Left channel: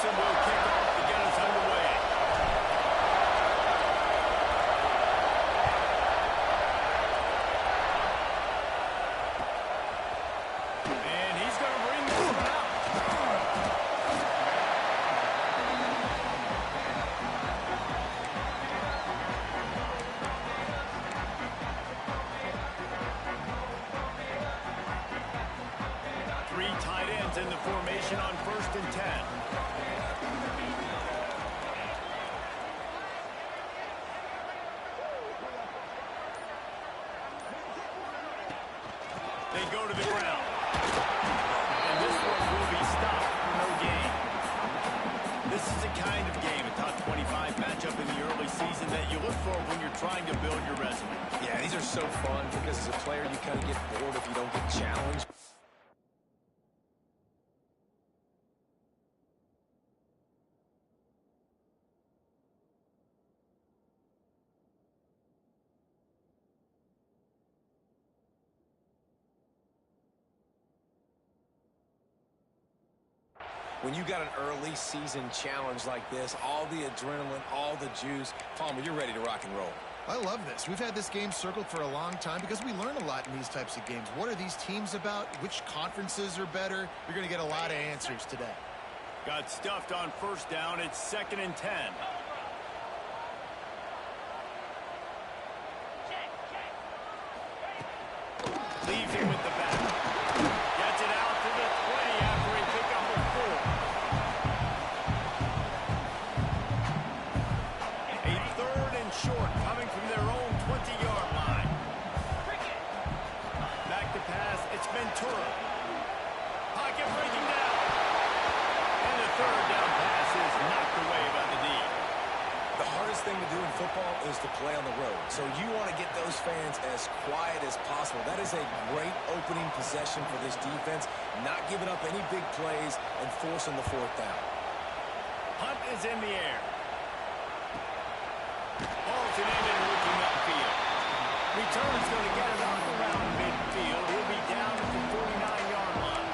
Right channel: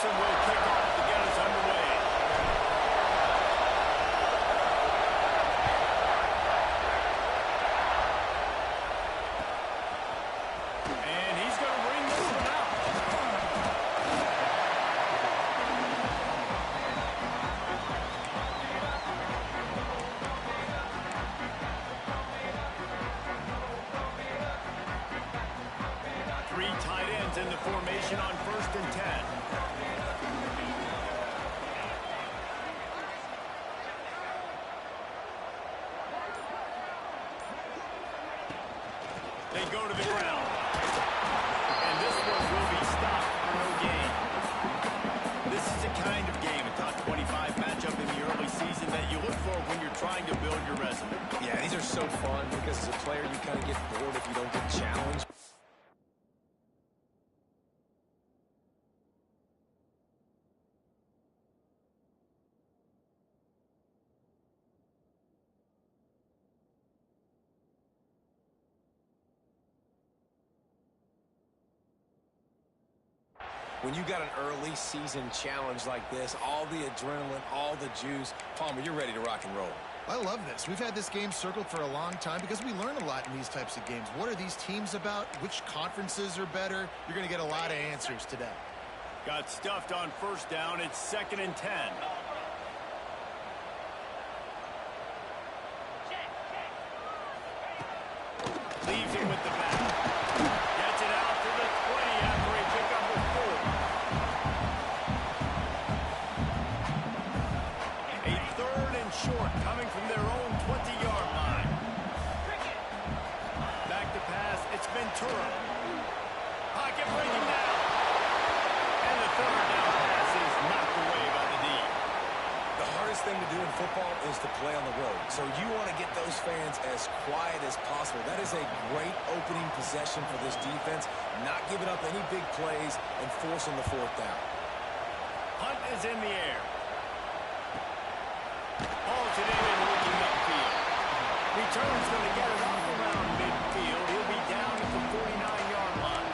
Pearson will kick off to get us underway. And he's going to bring this one out. Three tight ends in the formation on 1st and 10. They go to the ground. And this one will be stopped for no gain. This is the kind of game, a top 25 matchup in the early season, that you look for when you're trying to build your resume. Yeah, these are so fun because as a player, you kind of get bored if you don't get challenged. When you got an early season challenge like this, all the adrenaline, all the juice, Palmer, you're ready to rock and roll. I love this. We've had this game circled for a long time because we learn a lot in these types of games. What are these teams about? Which conferences are better? You're going to get a lot of answers today. Got stuffed on 1st down. It's 2nd and 10. Leaves him with the back. Gets it out to the 20 after a pickup of 4. A 3rd and short coming from their own 20-yard line. Back to pass. It's Ventura. Pocket breaking down. And the 3rd down pass is knocked away by the D. The hardest thing to do in football is to play on the road. So you want to get those fans as quiet as possible. That is a great opening possession for this defense. Not giving up any big plays and forcing the 4th down. Hunt is in the air. Hauls it in and looking upfield. Return's going to get it off around midfield. He'll be down at the 49-yard line.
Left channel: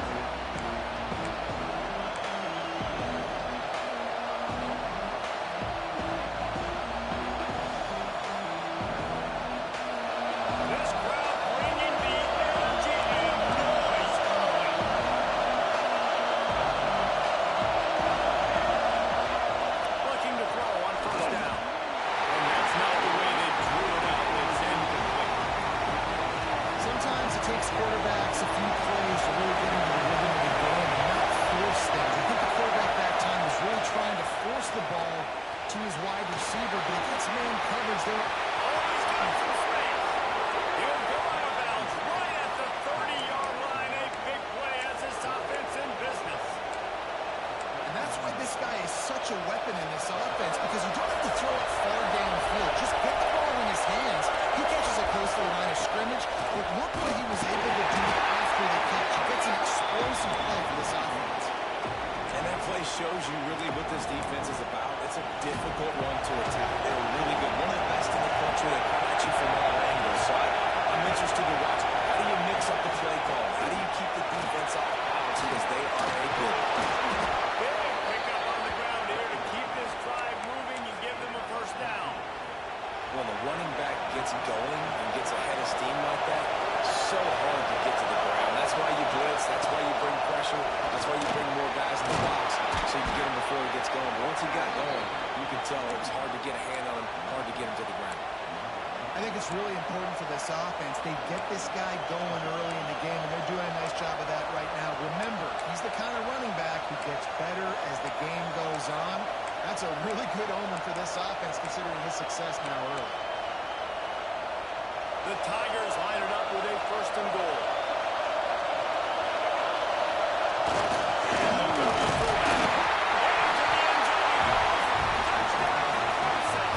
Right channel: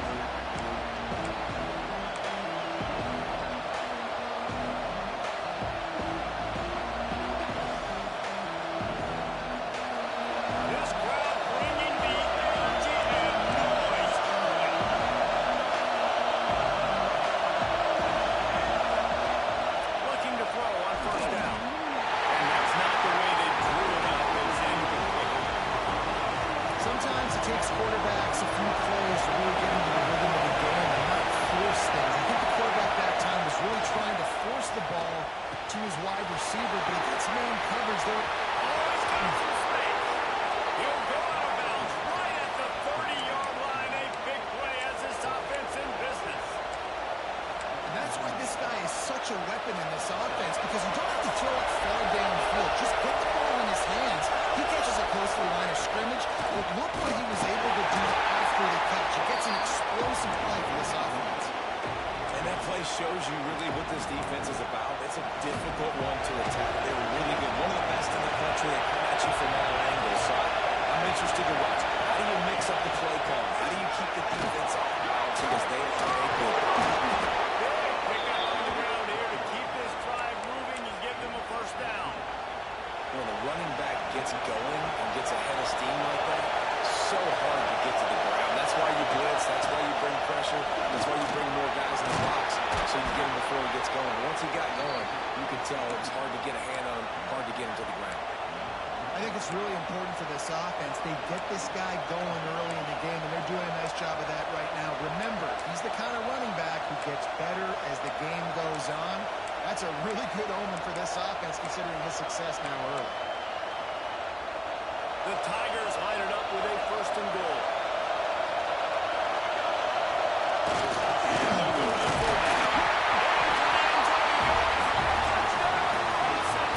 This crowd bringing the energy and noise early. Looking to throw on 1st down. And that's not the way they drew it up. It's incomplete. Sometimes it takes quarterbacks a few plays to really get into the rhythm of the game and not force things. I think the quarterback that time was really trying to force the ball to his wide receiver, but he gets man coverage there. Oh, he's got some space. He'll go out of bounds right at the 30-yard line. A big play as this offense in business. And that's why this guy is such a weapon in this offense, because you don't have to throw it far downfield. Just get the ball in his hands. He catches it close to the line of scrimmage. But look what he was able to do after the catch. He gets an explosive play for this offense. And that play shows you really what this defense is about. It's a difficult one to attack. They're really good. One of the best in the country. They come at you from all angles. So I'm interested to watch. How do you mix up the play call? How do you keep the defense off balance? Because they are a good team. Big pickup on the ground here to keep this drive moving and give them a 1st down. When the running back gets going and gets ahead of steam like that, so hard to get to the ground. That's why you blitz. That's why you bring pressure. That's why you bring more guys in the box so you can get him before he gets going. Once he got going, you could tell it was hard to get a hand on him, hard to get him to the ground. I think it's really important for this offense. They get this guy going early in the game, and they're doing a nice job of that right now. Remember, he's the kind of running back who gets better as the game goes on. That's a really good omen for this offense, considering his success now early. The Tigers line it up with a 1st and goal. And they'll go to the fullback. Into the end zone he goes. Touchdown, Carson.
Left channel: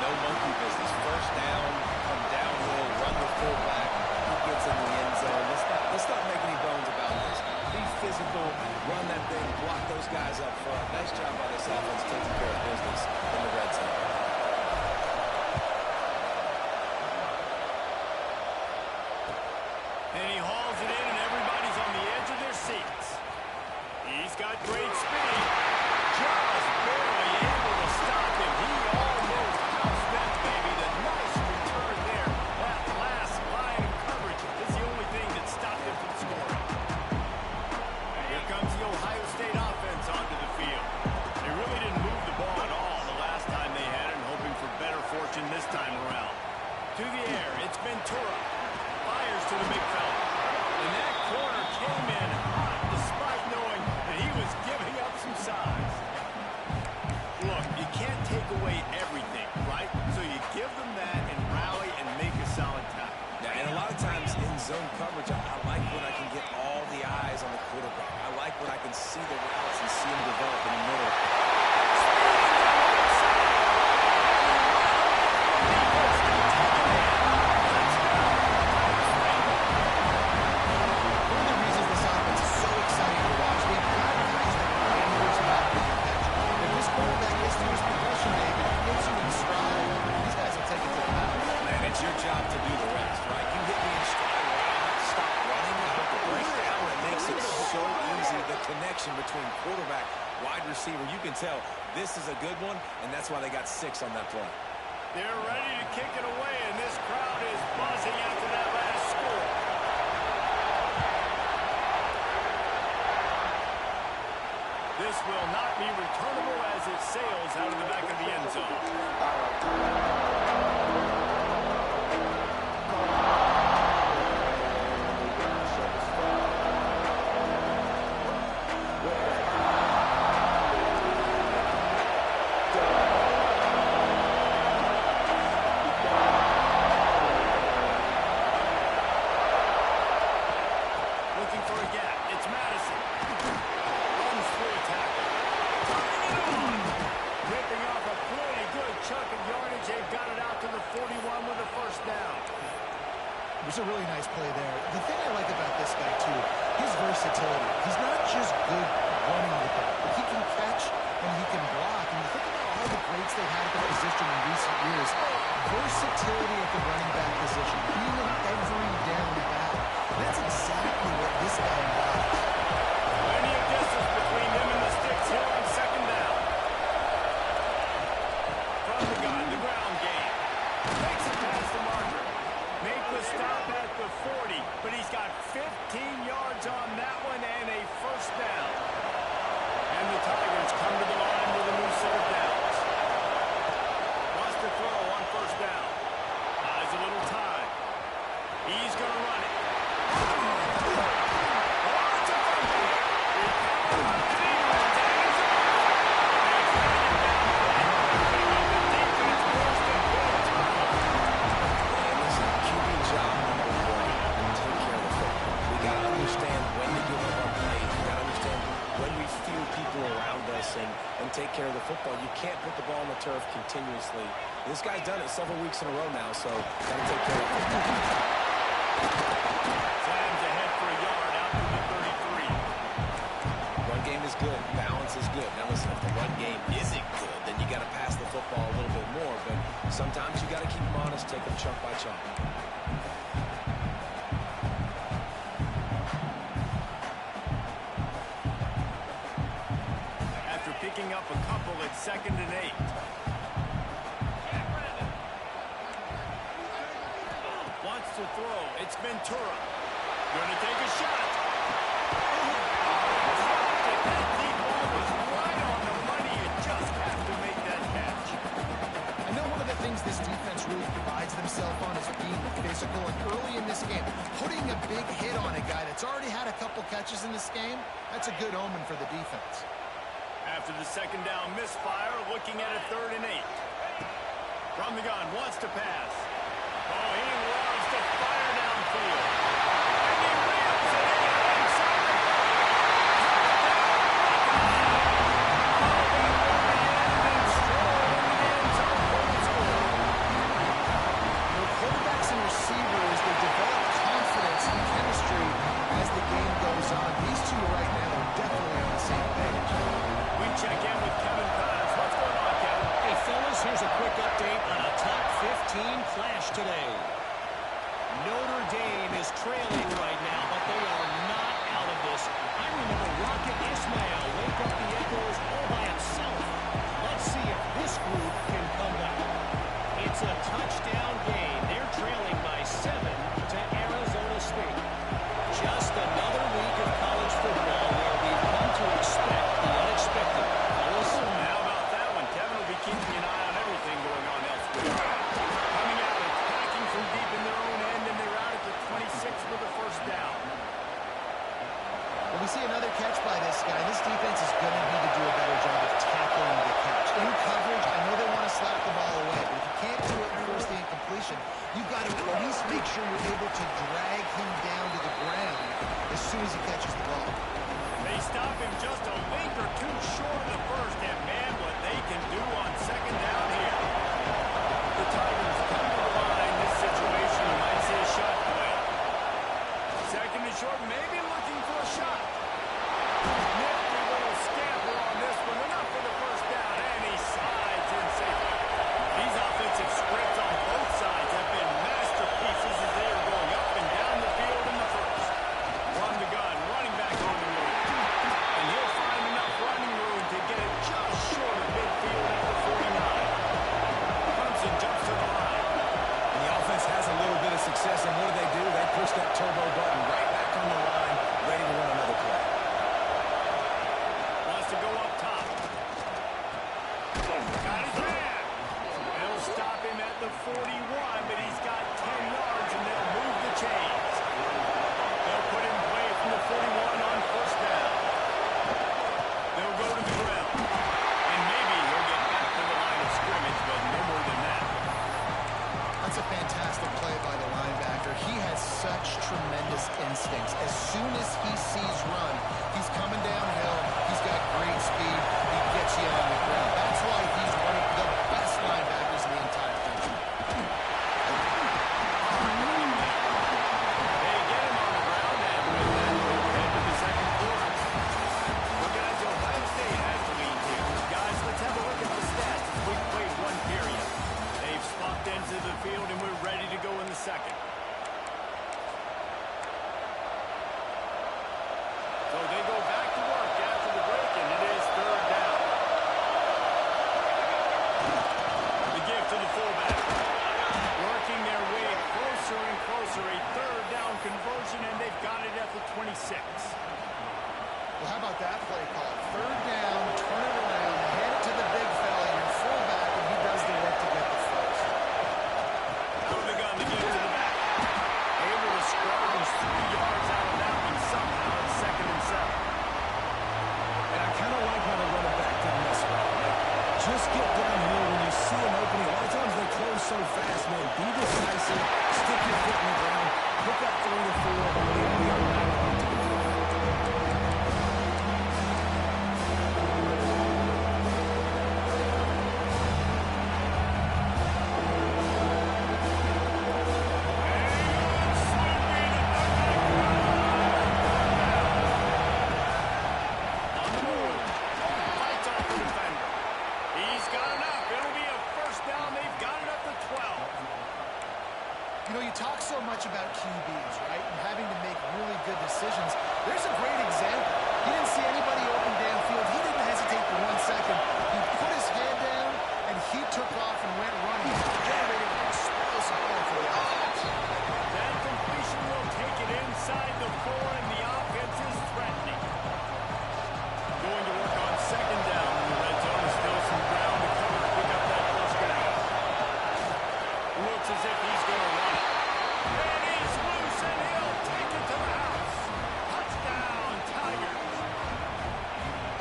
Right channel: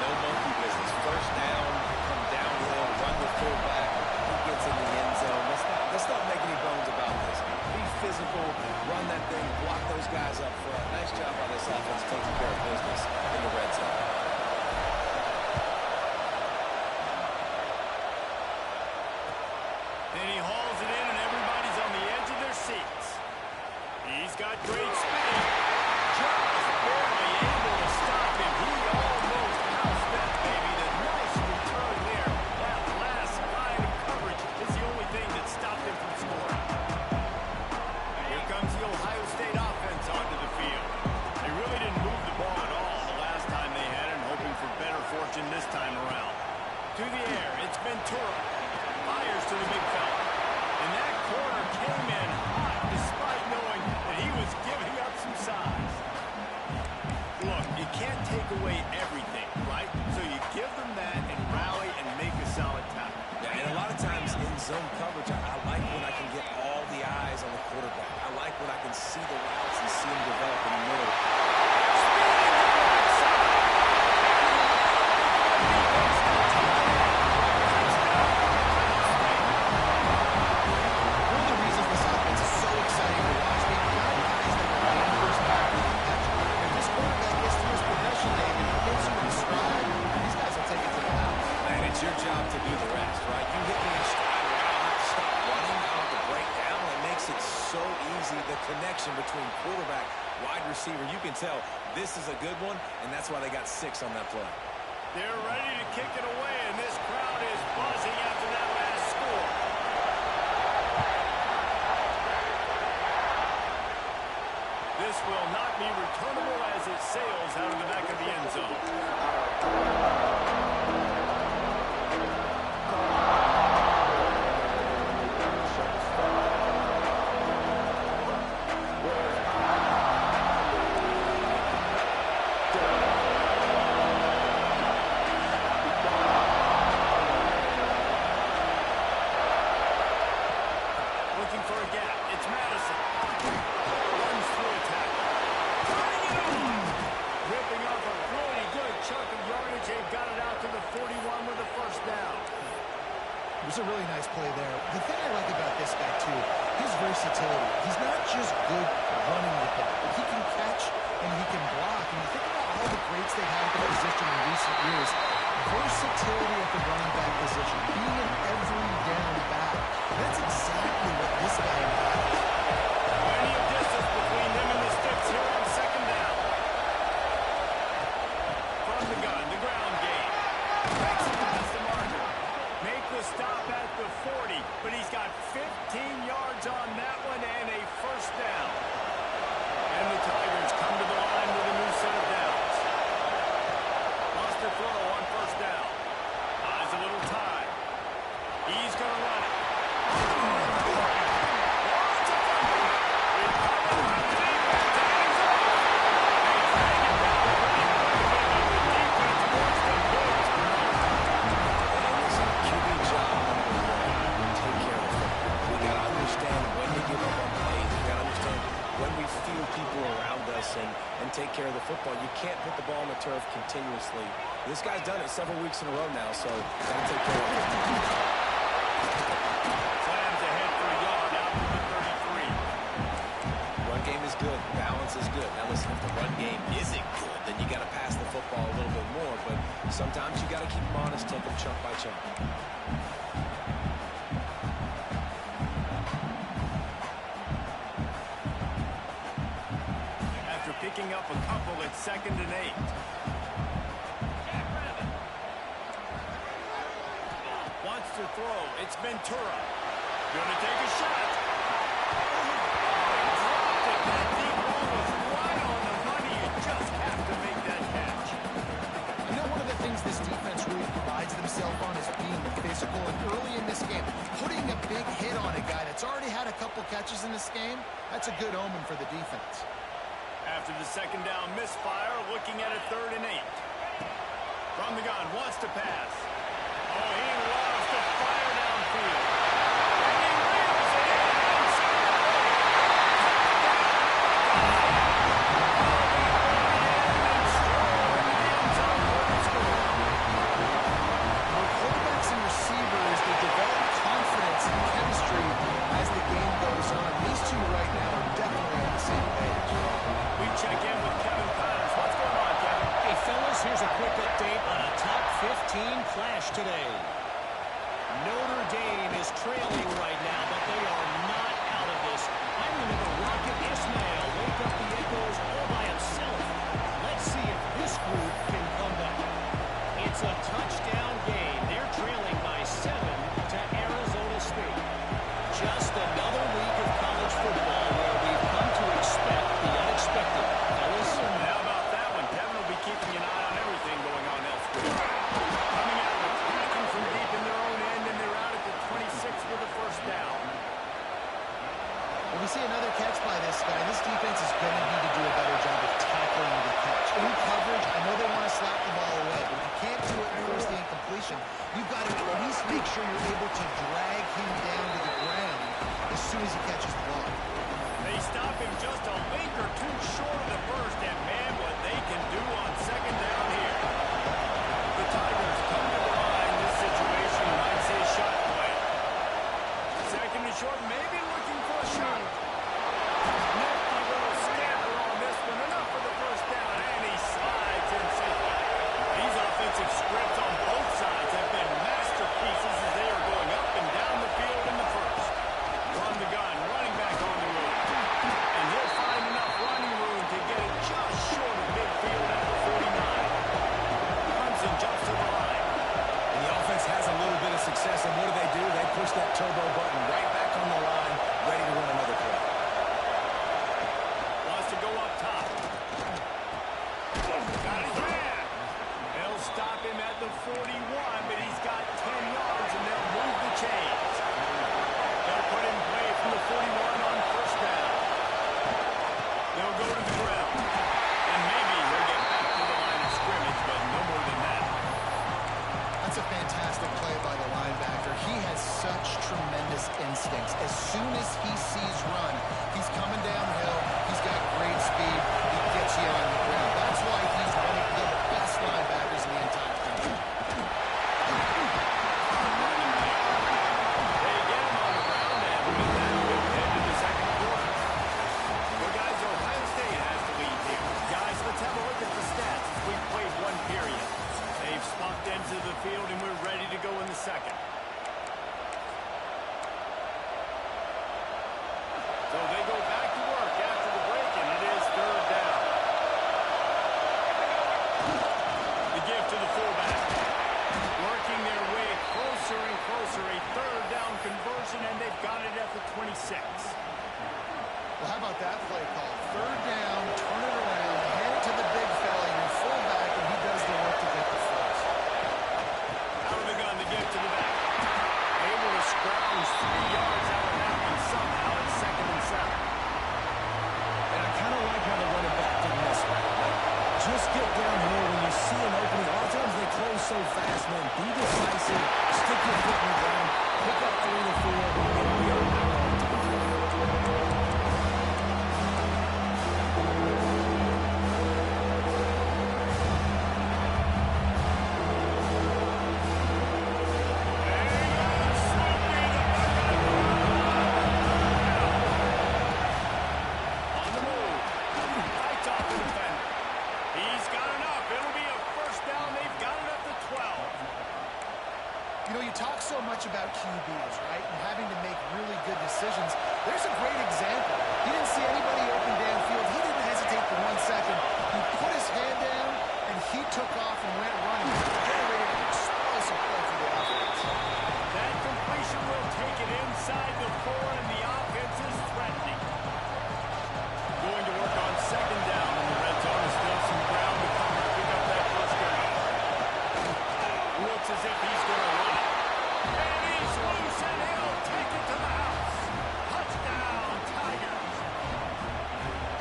No monkey business. 1st down, come downhill, run the fullback. He gets in the end zone. Let's not make any bones about this. Be physical, run that thing, block those guys up front. Nice job by this offense taking care of business in the red zone. And he hauls it in, and everybody's on the edge of their seats. He's got great speed. Just barely able to stop him. He almost housed that baby. The nice return there. That last line of coverage is the only thing that stopped him from scoring. Here comes the Ohio State offense onto the field. They really didn't move the ball at all the last time they had it, and hoping for better fortune this time around. To the air, it's Ventura. Fires to the big fella. And that corner came in hot despite knowing that he was giving up some size. Look, you can't take away everything, right? So you give them that and rally and make a solid tackle. Yeah, and a lot of times in zone coverage, I like when I can get all the eyes on the quarterback. I like when I can see the routes and see them develop in the middle. Speeding down the right side. And the defense to take it in. Touchdown, Ohio State. One of the reasons this offense is so exciting to watch, they've got guys that are dangerous back with the catch. If this quarterback gets through his progression, David, he gets you in stride, these guys will take it to the house. Man, it's your job to do the rest, right? You hit me in stride where I don't have to stop running. I don't have to break down. It makes it so easy, the connection between quarterback, wide receiver. You can tell this is a good one, and that's why they got 6 on that play. They're ready to kick it away, and this crowd is buzzing after that last score. This will not be returnable as it sails out of the back of the end zone. Looking for a gap. It's Madison. Runs through a tackle. Turning it on. Ripping off a pretty good chunk of yardage. They've got it out to the 41 with a first down. It was a really nice play there. The thing I like about this guy, too, his versatility. He's not just good running the ball, but he can catch and he can block. And you think about all the greats they've had at the position in recent years. Versatility at the running back position, being an every down back. That's exactly what this guy embodies. Plenty of distance between them and the sticks here on second down. From the gun, the ground game. Makes it past the marker. Make the stop at the 40, but he's got 15 yards on that one and a first down. And the Tigers come to the line with a new set of downs. Wants to throw on first down. Buys a little time. He's going to run it. Lots of fumble. Recovered by the defense, and he's off. They drag him down pretty quickly, but the defense forced a good turnover. And listen, QB job number 1, take care of the football. We got to understand when to give up on plays. We got to understand when we feel people around us and take care of the football. You can't put the ball on the turf continuously. This guy's done it several weeks in a row now, so got to take care of it. Slams ahead for a yard out to the 33. Run game is good. Balance is good. Now listen, if the run game isn't good, then you got to pass the football a little bit more. But sometimes you got to keep them honest, take them chunk by chunk. After picking up a couple at 2nd and 8. Wants to throw. It's Ventura. Gonna take a shot. Dropped it. That deep ball was right on the money. You just have to make that catch. I know one of the things this defense really prides themselves on is being physical, and early in this game, putting a big hit on a guy that's already had a couple catches in this game, that's a good omen for the defense. After the second down misfire, looking at a 3rd and 8. From the gun, wants to pass. Oh, he loves to fire downfield. And he reels it in inside the 30. Touchdown, Buckeyes! Oh, that will be in and stroll into the end zone for the score. For quarterbacks and receivers, they develop confidence and chemistry as the game goes on. These two right now are definitely on the same page. We check in with Kevin Connors. What's going on, Kevin? Hey, fellas, here's a quick update on a top 15 clash today. Notre Dame is trailing right now, but they are not out of this. I remember Rocket Ismail wake up the echoes all by himself. Let's see if this group can come back. It's a touchdown game. They're trailing by 7 to Arizona State. Just another week of college football where we've come to expect the unexpected. Fellas? How about that one? Kevin will be keeping an eye on everything going on elsewhere. Coming out, attacking from deep in their own end, and they're out at the 26 for the first down. Well, we see another catch by this guy. This defense is going to need to do a better job of tackling the catch. In coverage, I know they want to slap the ball away, but if you can't do it and force the incompletion, you've got to at least make sure you're able to drag him down to the ground as soon as he catches the ball. They stop him just a link or two short of the first, and man, what they can do on second down here. The Tigers come to the line. This situation, you might say, a shot play. Second and short, maybe looking for a shot. Nifty little scamper on this one. Enough for the first down, and he slides in safely. These offensive scripts on both sides have been masterpieces as they are going up and down the field in the first. From the gun, running back on the move. And he'll find enough running room to get it just short of midfield at the 49. Clemson jumps to the line. And the offense has a little bit of success, and what do? They push that turbo button right back on the line, ready to run another play. Wants to go up top. Got his man. They'll stop him at the 41, but he's got 10 yards, and they'll move the chains. They'll put in play from the 41 on first down. They'll go to the ground. And maybe he'll get back to the line of scrimmage, but no more than that. That's a fantastic play by the linebacker. He has such tremendous instincts. As soon as he sees run, he's coming downhill. He's got great speed. He gets you on the ground. That's why he's one of the best linebackers in the entire country. They get him on the ground, and with that, we'll head to the second quarter. Well, guys, Ohio State has the lead here. Guys, let's have a look at the stats as we've played one period. They've swapped ends of the field, and we're ready to go in the second. So they go back to work after the break, and it is third down. The give to the fullback. Working their way closer and closer. A third down conversion, and they've got it at the 26. Well, how about that play call? Third down, turn it around, hand it to the big fella, your fullback, and he does the work to get the first. Out of the gun, the give to the back. Able to scrounge 3 yards out of that one somehow. It's second and 7. And I kind of like how the running back didn't mess around. Like, just get downhill when you see an opening. A lot of times they close so fast, man. Be decisive, stick your foot in the ground, pick up 3 to 4, and we are back on to the play. So much about QBs, right? And having to make really good decisions. There's a great example. He didn't see anybody open downfield. He didn't hesitate for 1 second. He put his head down, and he took off and went running. Generated an explosive play for the offense. That completion will take it inside the 4, and the offense is threatening. Going to work on second down in the red zone. Is still some ground to cover to pick up that first down. Looks as if he's going to run it. And he's loose, and he'll take it to the house. Touchdown, Tigers.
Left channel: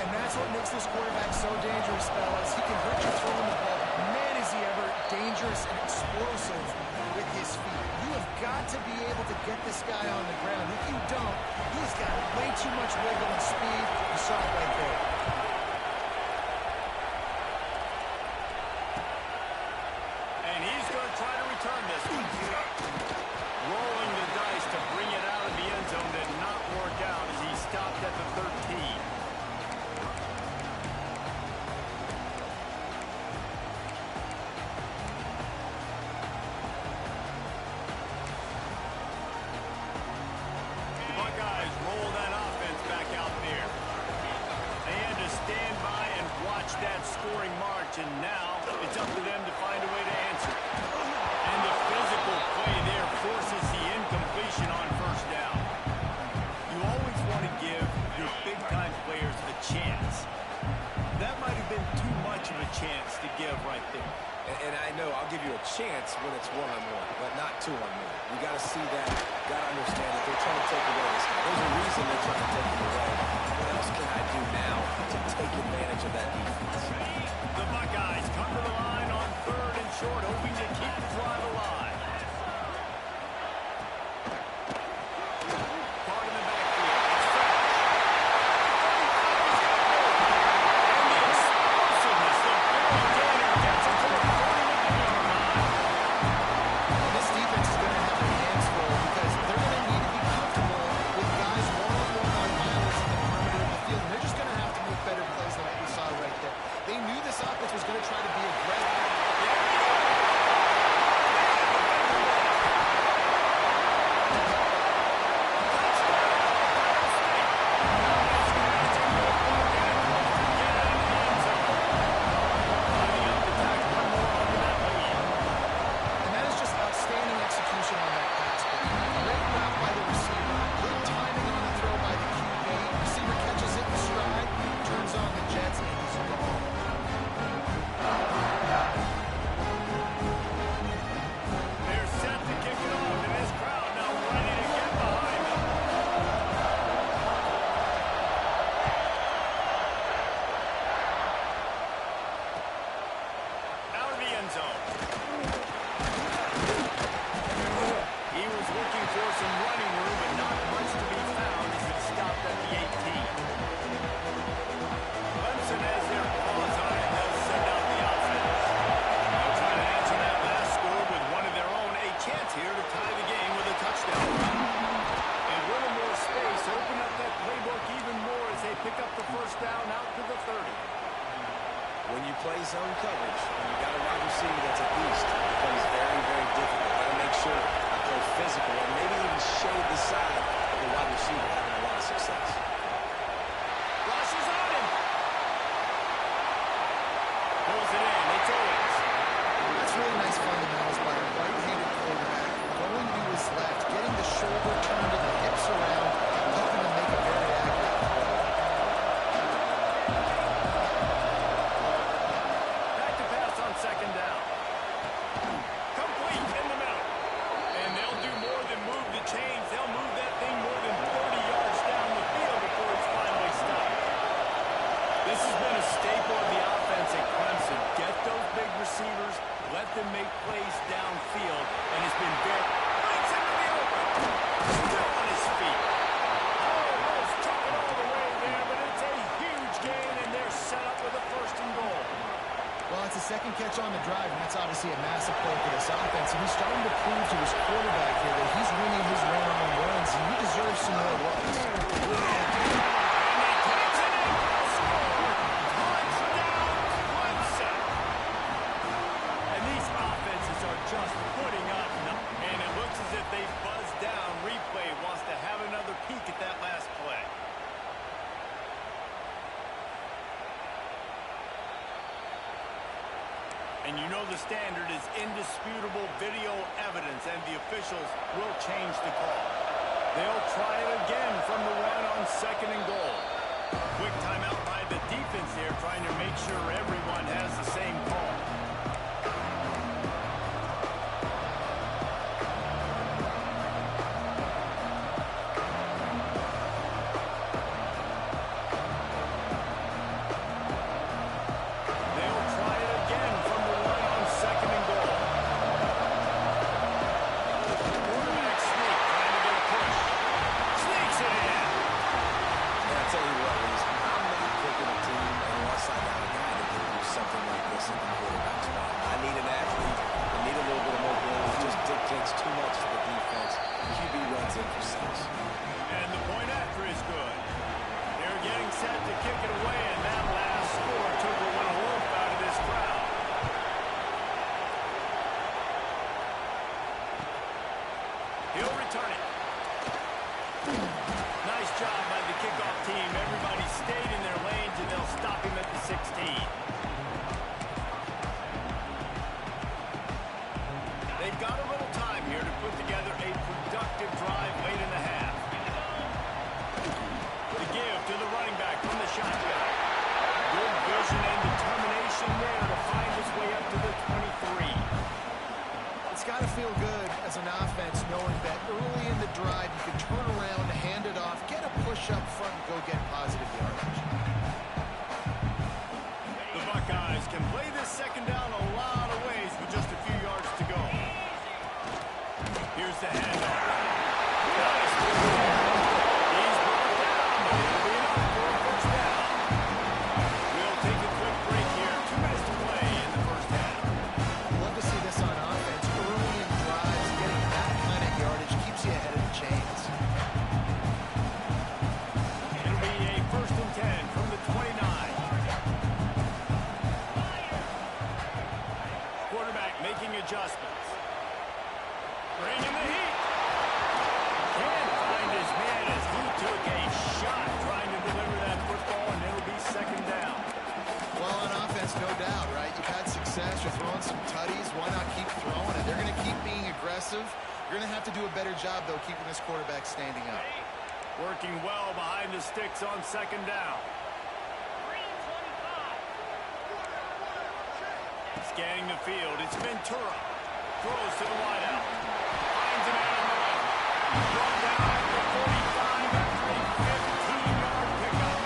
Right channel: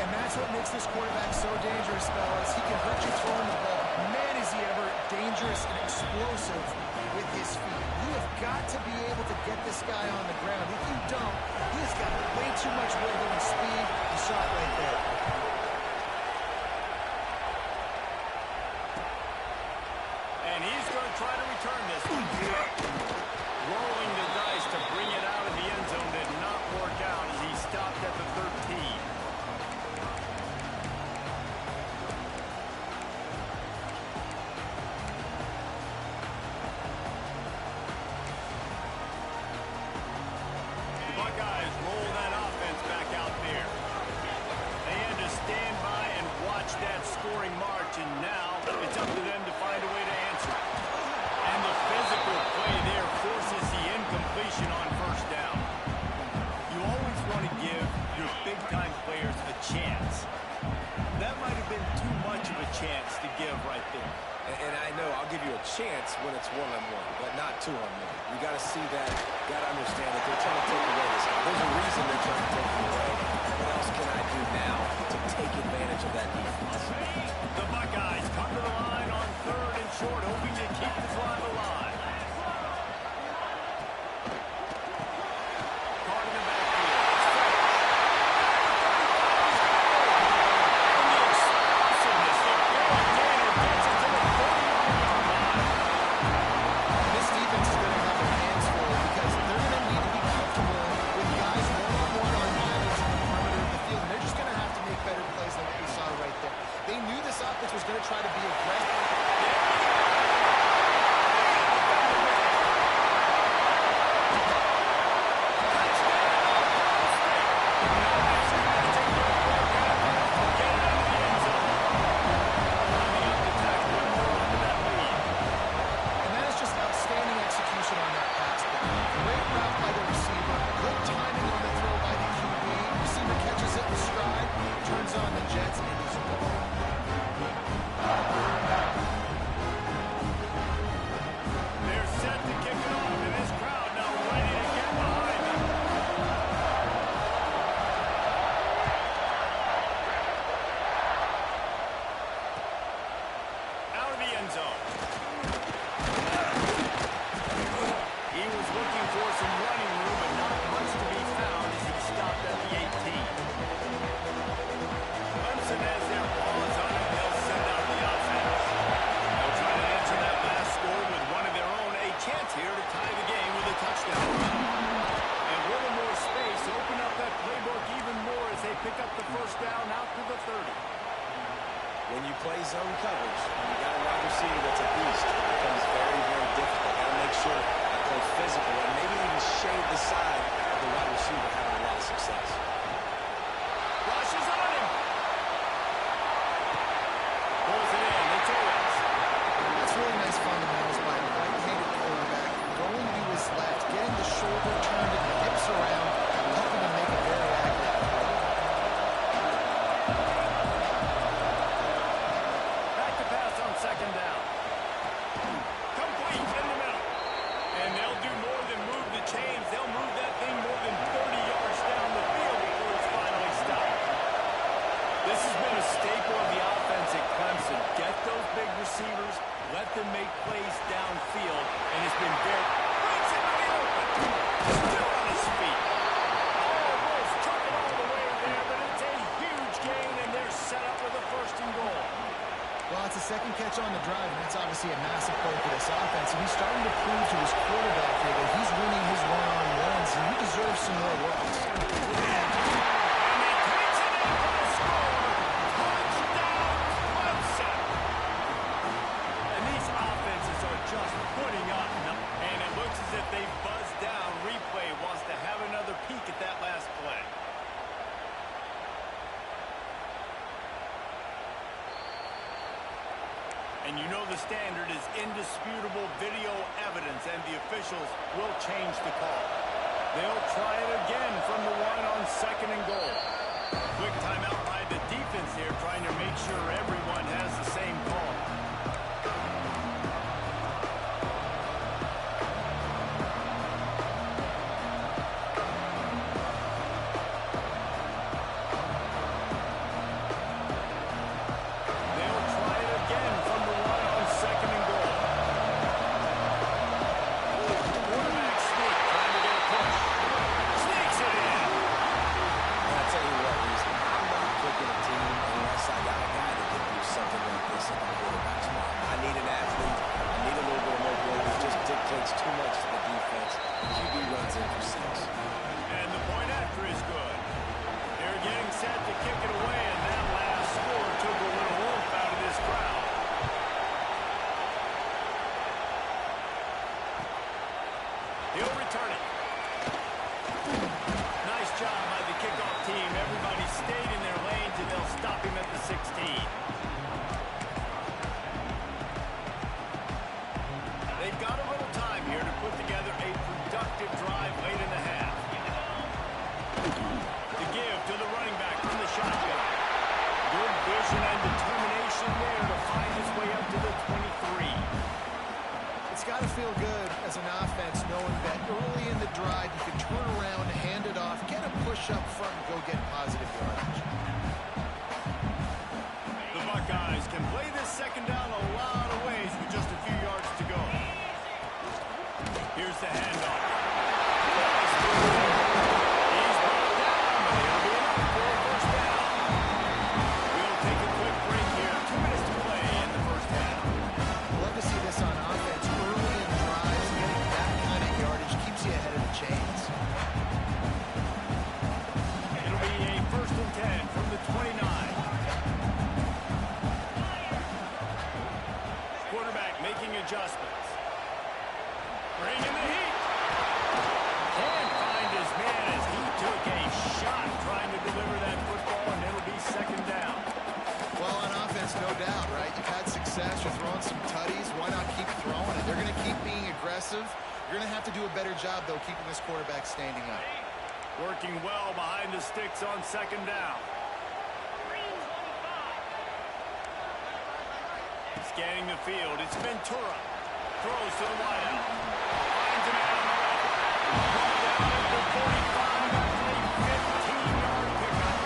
And that's what makes this quarterback so dangerous, fellas. He can hurt you throwing the ball. Man, is he ever dangerous and explosive with his feet. You have got to be able to get this guy on the ground. If you don't, he has got way too much wiggle and speed. You saw it right there. And he's going to try to return this one. Rolling the dice to bring it out of the end zone did not work out as he stopped at the 13. The Buckeyes roll that offense scoring march, and now it's up to them to find a way to answer it. And the physical play there forces the incompletion on first down. You always want to give your big-time players a chance. That might have been too much of a chance to give right there. And I know I'll give you a chance when it's one-on-one, but not two-on-one. You got to see that, got to understand that they're trying to take away this guy. There's a reason they're trying to take him away. What else can I do now to take advantage of that defense? The Buckeyes come to the line on 3rd and short, hoping to keep the drive alive. Caught in the backfield. It's fresh. And the explosiveness, the big gainer gets it to the 49-yard line. This defense is going to have their hands full because they're going to need to be comfortable with guys one-on-one on islands in the perimeter of the field. And they're just going to have to make better plays than what we saw right there. They knew this offense was going to try to be aggressive. There we go. And that is just outstanding execution on that pass. Great route by the receiver. Good timing on the throw by the QB. Receiver catches it in stride, turns on the jets, and is gone. They're set to kick it off, and this crowd now ready to get behind them. Out of the end zone. He was looking for some running room, but not much to be found as he stopped at the 18. Clemson has their paws on it. They'll send out the offense. They'll try to answer that last score with one of their own. A chance here to tie the game with a touchdown run. And with a more space, open up that playbook even more as they pick up the first down out to the 30. When you play zone coverage, and you got a wide receiver that's a beast, it becomes very, very difficult. Got to make sure I play physical and maybe even shade the side of the wide receiver having a lot of success. Rush is on him. Pulls it in. It's Owens. That's really nice fundamentals by a right-handed quarterback. Going to his left, getting the shoulder turned and the hips around, helping him make a very accurate throw. Back to pass on 2nd down. Complete in the middle. And they'll do more than move the chains. They'll move that thing more than 30 yards down the field before it's finally stopped. This has been a staple of the offense at Clemson. Get those big receivers, let them make plays downfield, and it's been very... Breaks into the open. Still on his feet. Almost took it all the way there, but it's a huge gain, and they're set up with a 1st and goal. Well, it's a second catch on the drive, and that's obviously a massive play for this offense. And he's starting to prove to his quarterback here that he's winning his one-on-ones, and he deserves some more looks. And he takes it in for a score. Touchdown, Clemson. And these offenses are just putting up. And it looks as if they buzzed down. Replay wants to have another peek at that last play. And you know the standard is indisputable video evidence, and the officials will change the call. They'll try it again from the one on 2nd and goal. Quick timeout by the defense here, trying to make sure everyone has the same call. They'll try it again from the one on 2nd and goal. Quarterback sneak, trying to get a push. Sneaks it in. And I tell you what, Reese, I'm not picking a team unless I got a guy that can do something like this at the quarterback spot. I need an athlete. I need a little bit of mobility. It just dictates too much to the defense. QB runs in for 6. And the point after is good. They're getting set to kick it away, and that last score took a little oomph out of this crowd. He'll return it. Nice job by the kickoff team. Everybody stayed in their lanes, and they'll stop him at the 16. the running back from the shotgun. Good vision and determination there to find his way up to the 23. It's got to feel good as an offense knowing that early in the drive you can turn around, hand it off, get a push up front, and go get positive yardage. The Buckeyes can play this second down a lot of ways with just a few yards to go. Here's the handoff. Nice move there. He's brought down, but it'll be enough for a first down. We'll take a quick break here. 2 minutes to play in the first half. Love to see this on offense. Early in drives, getting that kind of yardage keeps you ahead of the chains. It'll be a 1st and 10 from the 29. Quarterback making adjustments. Bringing the heat. Can't find his man as he took a shot trying to deliver that football, and it'll be second down. Well, on offense, no doubt, right? You've had success. You're throwing some tutties. Why not keep throwing it? They're going to keep being aggressive. You're going to have to do a better job, though, keeping this quarterback standing up. Working well behind the sticks on second down. Scanning the field, it's Ventura. Throws to the wideout. Finds a man on the left. Brought down at the 45 after a 15-yard pickup.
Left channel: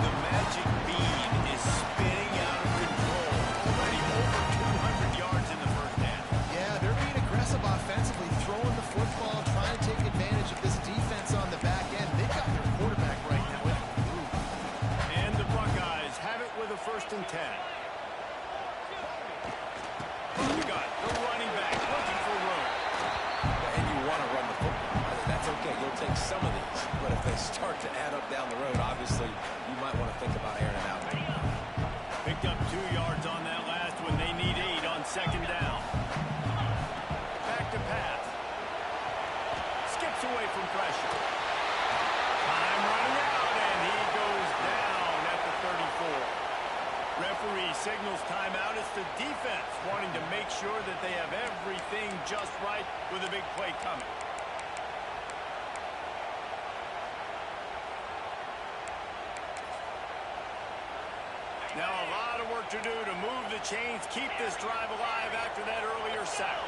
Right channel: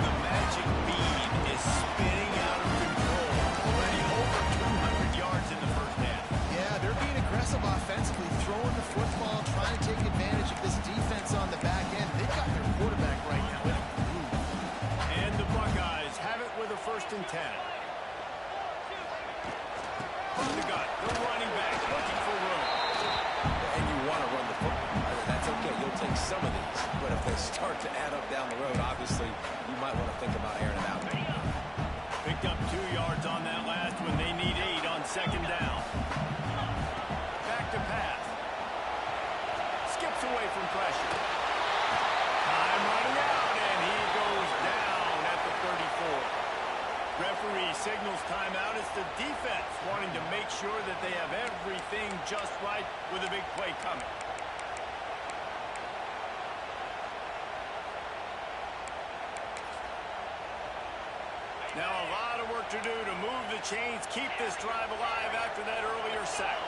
The magic bean is spinning out of control. Already over 200 yards in the first half. Yeah, they're being aggressive offensively, throwing the football, trying to take advantage of this defense on the back end. They've got their quarterback right now in a groove. And the Buckeyes have it with a 1st and 10. The running back looking for room. And you want to run the football. That's okay. You'll take some of these. But if they start to add up down the road, obviously, you might want to think about airing it out. Picked up 2 yards on that last one. They need 8 on second down. Back to pass. Skips away from pressure. Time running out, and he goes down at the 34. Referee signals timeout. It's the defense wanting to make sure that they have everything just right with a big play coming. Now a lot of work to do to move the chains, keep this drive alive after that earlier sack.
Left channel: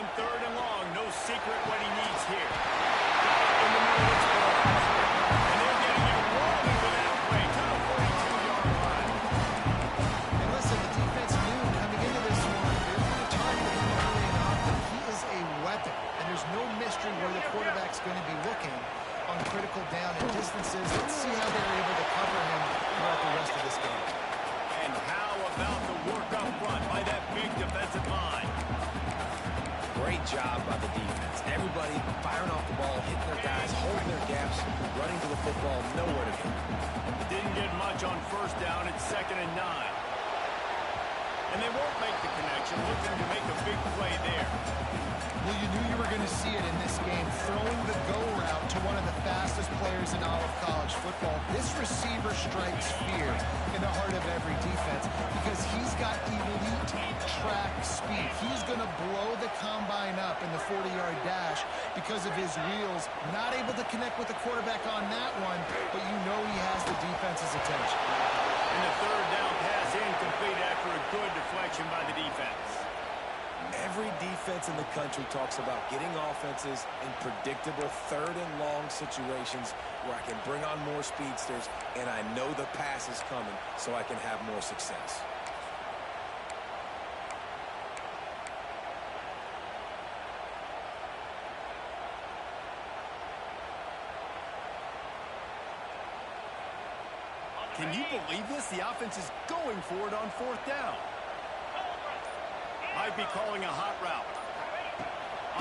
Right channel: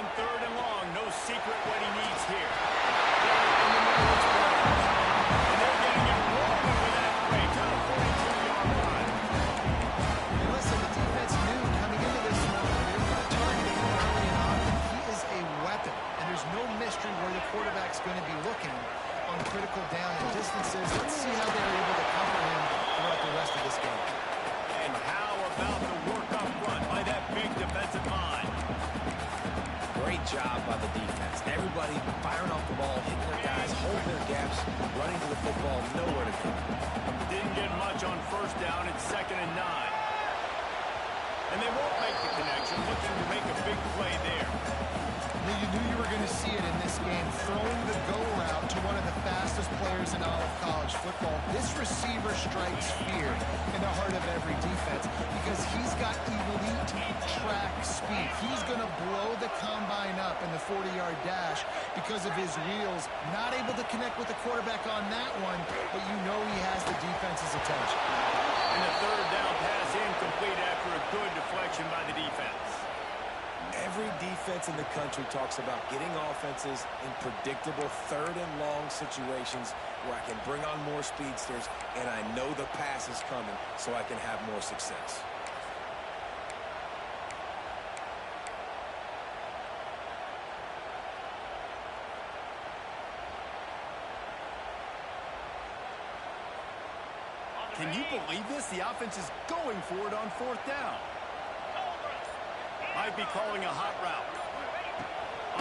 On 3rd and long, no secret what he needs here. Got it in the middle, it's Burns. And they're getting it rolling with that play to the 42-yard line. And listen, the defense knew coming into this one, they were going to target him early and often. He is a weapon, and there's no mystery where the quarterback's going to be looking on critical down and distances. Let's see how they're able to cover him throughout the rest of this game. And how about the work up front by that big defensive line? Great job by the defense. Everybody firing off the ball, hitting their guys, holding their gaps, running to the football, nowhere to go. Didn't get much on 1st down. It's 2nd and 9. And they won't make the connection, looking to make a big play there. Well, you knew you were going to see it in this game, throwing the go route to one of the fastest players in all of college football. This receiver strikes fear in the heart of every defense because he's got elite track speed. He's going to blow the combine up in the 40-yard dash because of his wheels. Not able to connect with the quarterback on that one, but you know he has the defense's attention. And the 3rd down pass incomplete after a good deflection by the defense. Every defense in the country talks about getting offenses in predictable 3rd and long situations where I can bring on more speedsters and I know the pass is coming so I can have more success. Can you believe this? The offense is going for it on 4th down. Might be calling a hot route.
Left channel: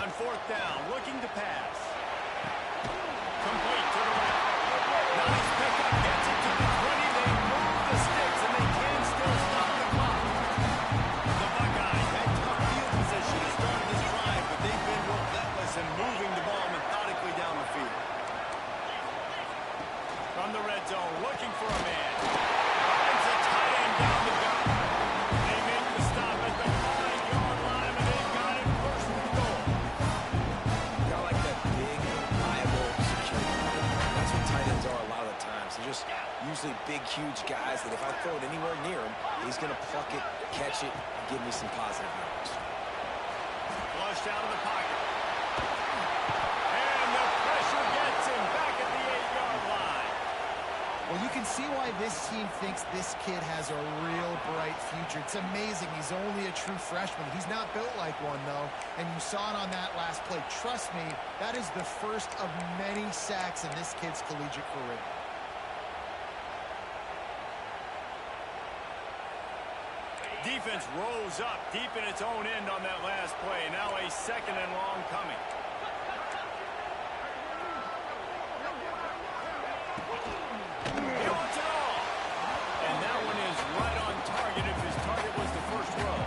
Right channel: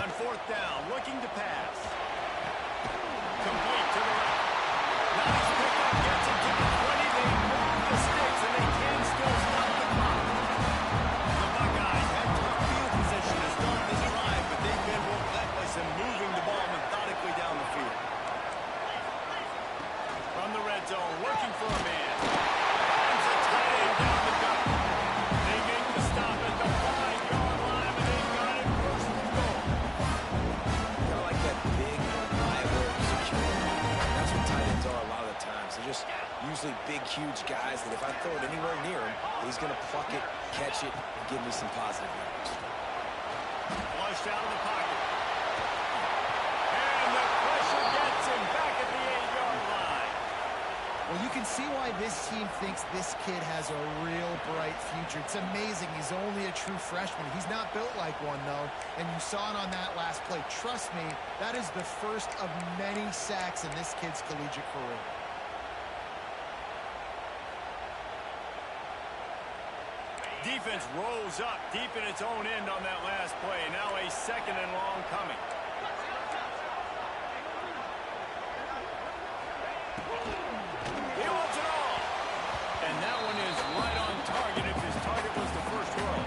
On 4th down, looking to pass. Complete to the left. Nice pickup, gets it to the 20. They move the sticks, and they can still stop the clock. The Buckeyes had tough field position to start this drive, but they've been relentless in moving the ball methodically down the field. From the red zone, looking for a man. Finds a tight end down the gut. They make the stop at the 5. usually big, huge guys that if I throw it anywhere near him, he's going to pluck it, catch it, and give me some positive yards. Flushed out of the pocket. And the pressure gets him back at the 8-yard line. Well, you can see why this team thinks this kid has a real bright future. It's amazing. He's only a true freshman. He's not built like one, though, and you saw it on that last play. Trust me, that is the first of many sacks in this kid's collegiate career. Defense rolls up deep in its own end on that last play. Now a 2nd and long coming. He wants it all. And that one is right on target if his target was the first row.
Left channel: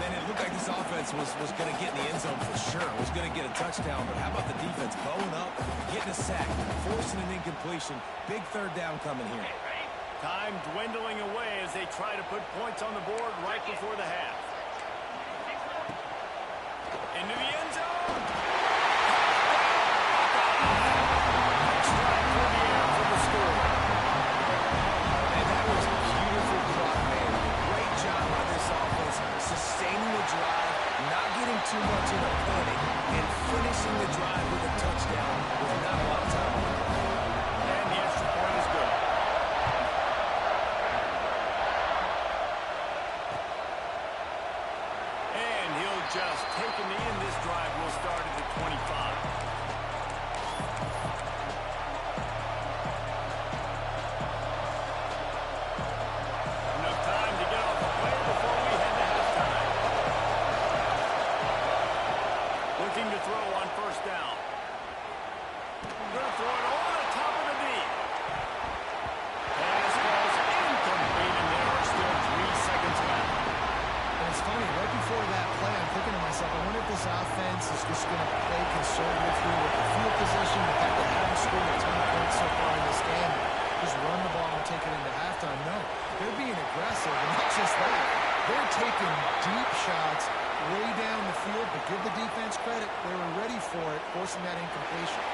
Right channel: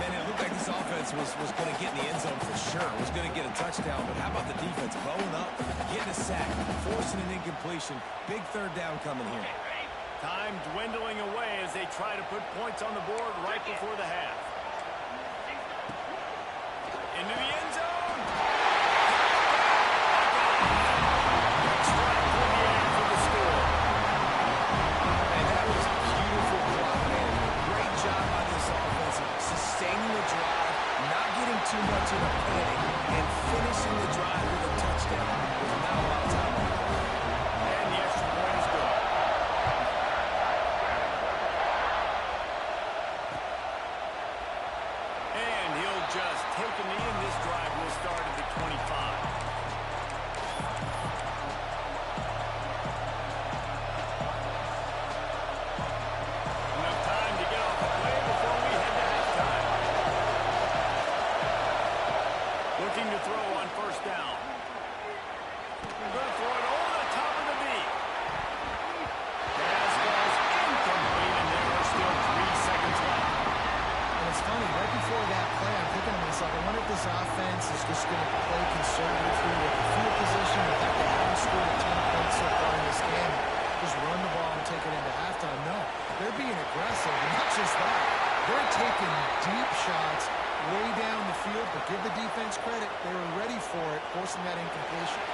Man, it looked like this offense was going to get in the end zone for sure. Was going to get a touchdown, but how about the defense bowing up, getting a sack, forcing an incompletion. Big 3rd down coming here. Time dwindling away as they try to put points on the board right before the half. Into the end zone. Quick strike through the air for the score. And that was beautiful clock management. Great job by this offense, sustaining the drive, not getting too much in a panic, and finishing the drive with a touchdown with not a lot of time on the clock. And the extra point is good. And he'll just take a knee, and this drive will start at the 25. Enough time to get off a play before we head to halftime. Looking to throw on 1st down. Going to throw it over the top of the knee. Pass falls incomplete, and there are still 3 seconds left. And it's funny, right before that play, I'm thinking to myself, I wonder if this offense is just going to play conservative here with the field position, the fact they haven't scored a ton of points so far in this game, just run the ball and take it into halftime. No, they're being aggressive, and not just that. They're taking deep shots way down the field, but give the defense credit. They were ready for it, forcing that incompletion.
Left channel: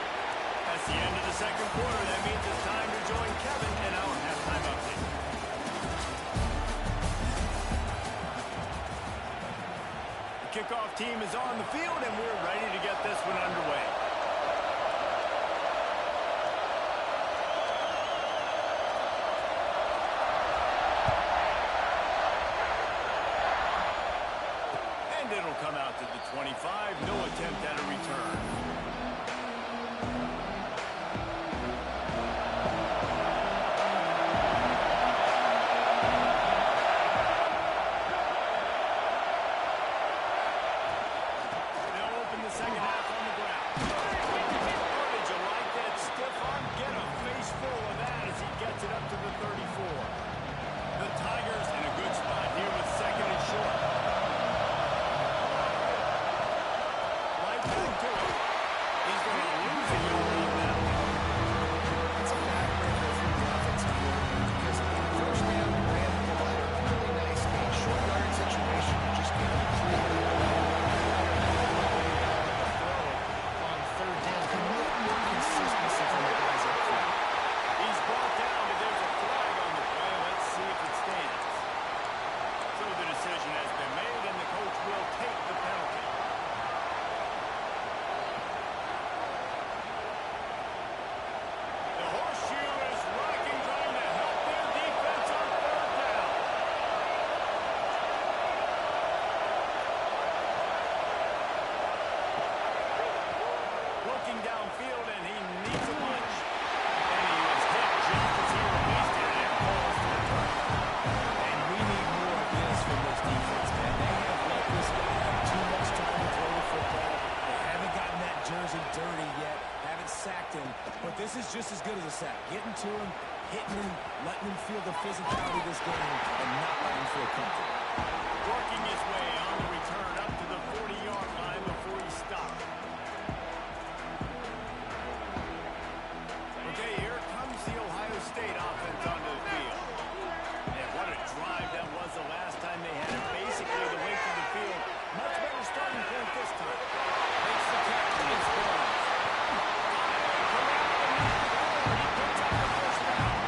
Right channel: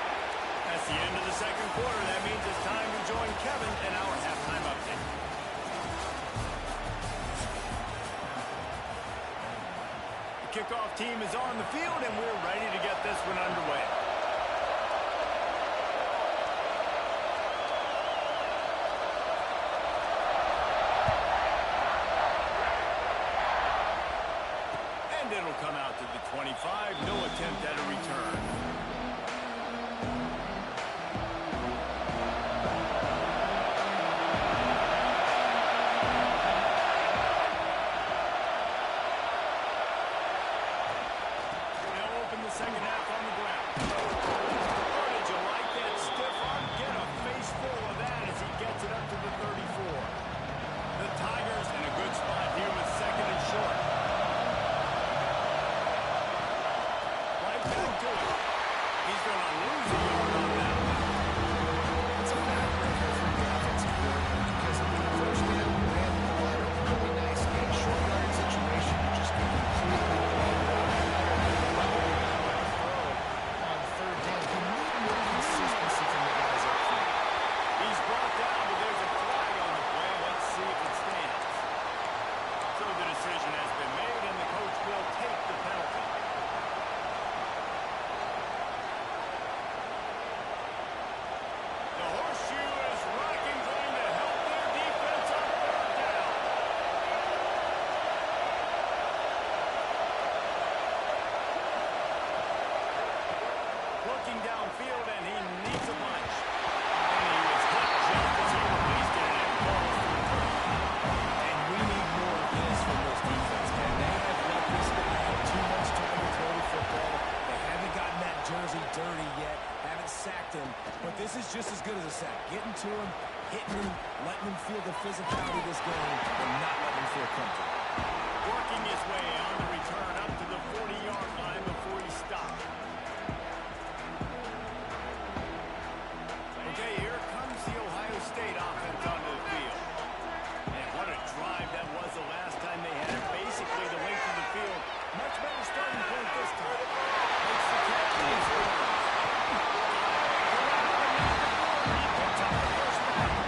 That's the end of the 2nd quarter. That means it's time to join Kevin in our halftime update. The kickoff team is on the field, and we're ready to get this one underway. And it'll come out to the 25. No attempt at a return. The 2nd half on the ground. Or did you like that stiff arm? Get a face full of that as he gets it up to the 34. The Tigers in a good spot here with 2nd and short. Right back to it. He's going to lose a yard on that one. It's a backbreaker for the offensive coordinator because on the 1st down, you ran the ball at a really nice game. Short yard situation, you just get completely blown up. Consistency from the guys up front. He's brought down, but there's a flag on the play. Let's see if it stands. So the decision has been made, and the coach will take the penalty. The horseshoe is rocking, trying to help their defense on 3rd down. Looking downfield, and he needs a punch. And he was hit just as he released it, and it falls to the turf. And we need more of this from this defense, man. They have let this guy have too much time to throw the football. They haven't gotten that jersey dirty yet, haven't sacked him. But this is just as good as a sack. Getting to him, hitting him, letting him feel the physicality of this game, and not letting him feel comfortable. Working his way on the return up to the 40-yard line before he stopped. Okay, here comes the Ohio State offense onto the field. And what a drive that was the last time they had it. Basically the length of the field. Much better starting point this time. Makes the catch and scores. He picks up the 1st down.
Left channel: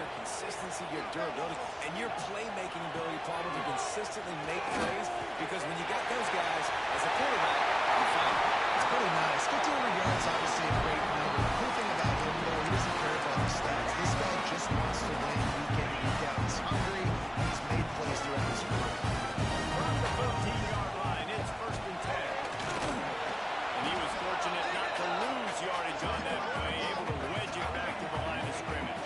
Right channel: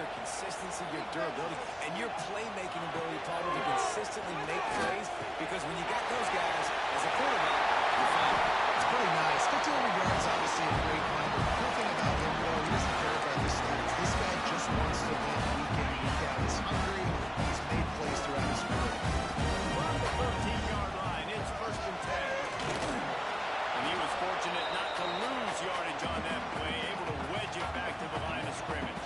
your consistency, your durability, and your playmaking ability, Paul, to consistently make plays, because when you got those guys as a quarterback, you're fine. It's pretty nice. 1,500 yards, obviously a great number. The cool thing about him, though, he doesn't care about the stats. This guy just wants to win week in, week out. He's hungry. He's made plays throughout his career. From the 13-yard line, it's 1st and 10. And he was fortunate not to lose yardage on that play, able to wedge it back to the line of scrimmage.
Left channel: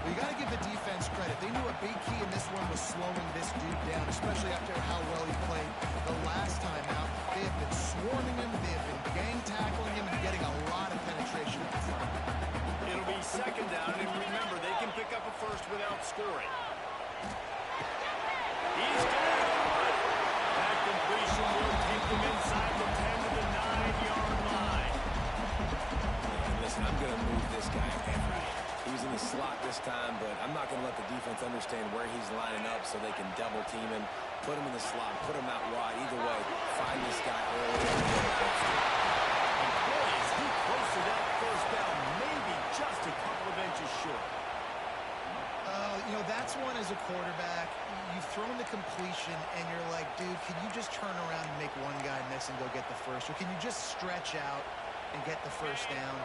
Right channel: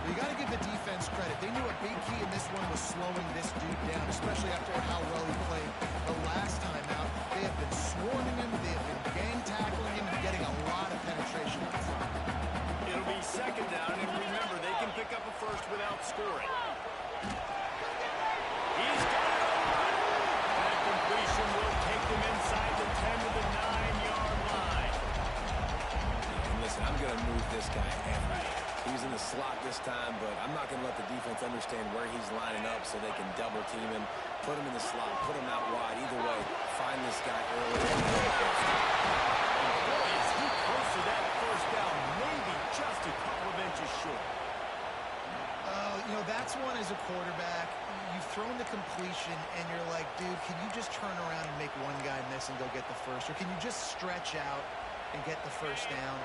Well, you got to give the defense credit. They knew a big key in this one was slowing this dude down, especially after how well he played the last time out. They have been swarming him, they have been gang tackling him, and getting a lot of penetration up front. It'll be 2nd down, and remember, they can pick up a first without scoring. He's got it on the run. That completion will take them inside the 10 to the 9-yard line. And listen, I'm going to move this guy everywhere. He was in the slot this time, but I'm not going to let the defense understand where he's lining up so they can double team him, put him in the slot, put him out wide. Either way, find this guy early. And boy, is he close to that first down, maybe just a couple of inches short. You know, that's one as a quarterback. You've thrown the completion, and you're like, dude, can you just turn around and make one guy miss and go get the first? Or can you just stretch out and get the first down?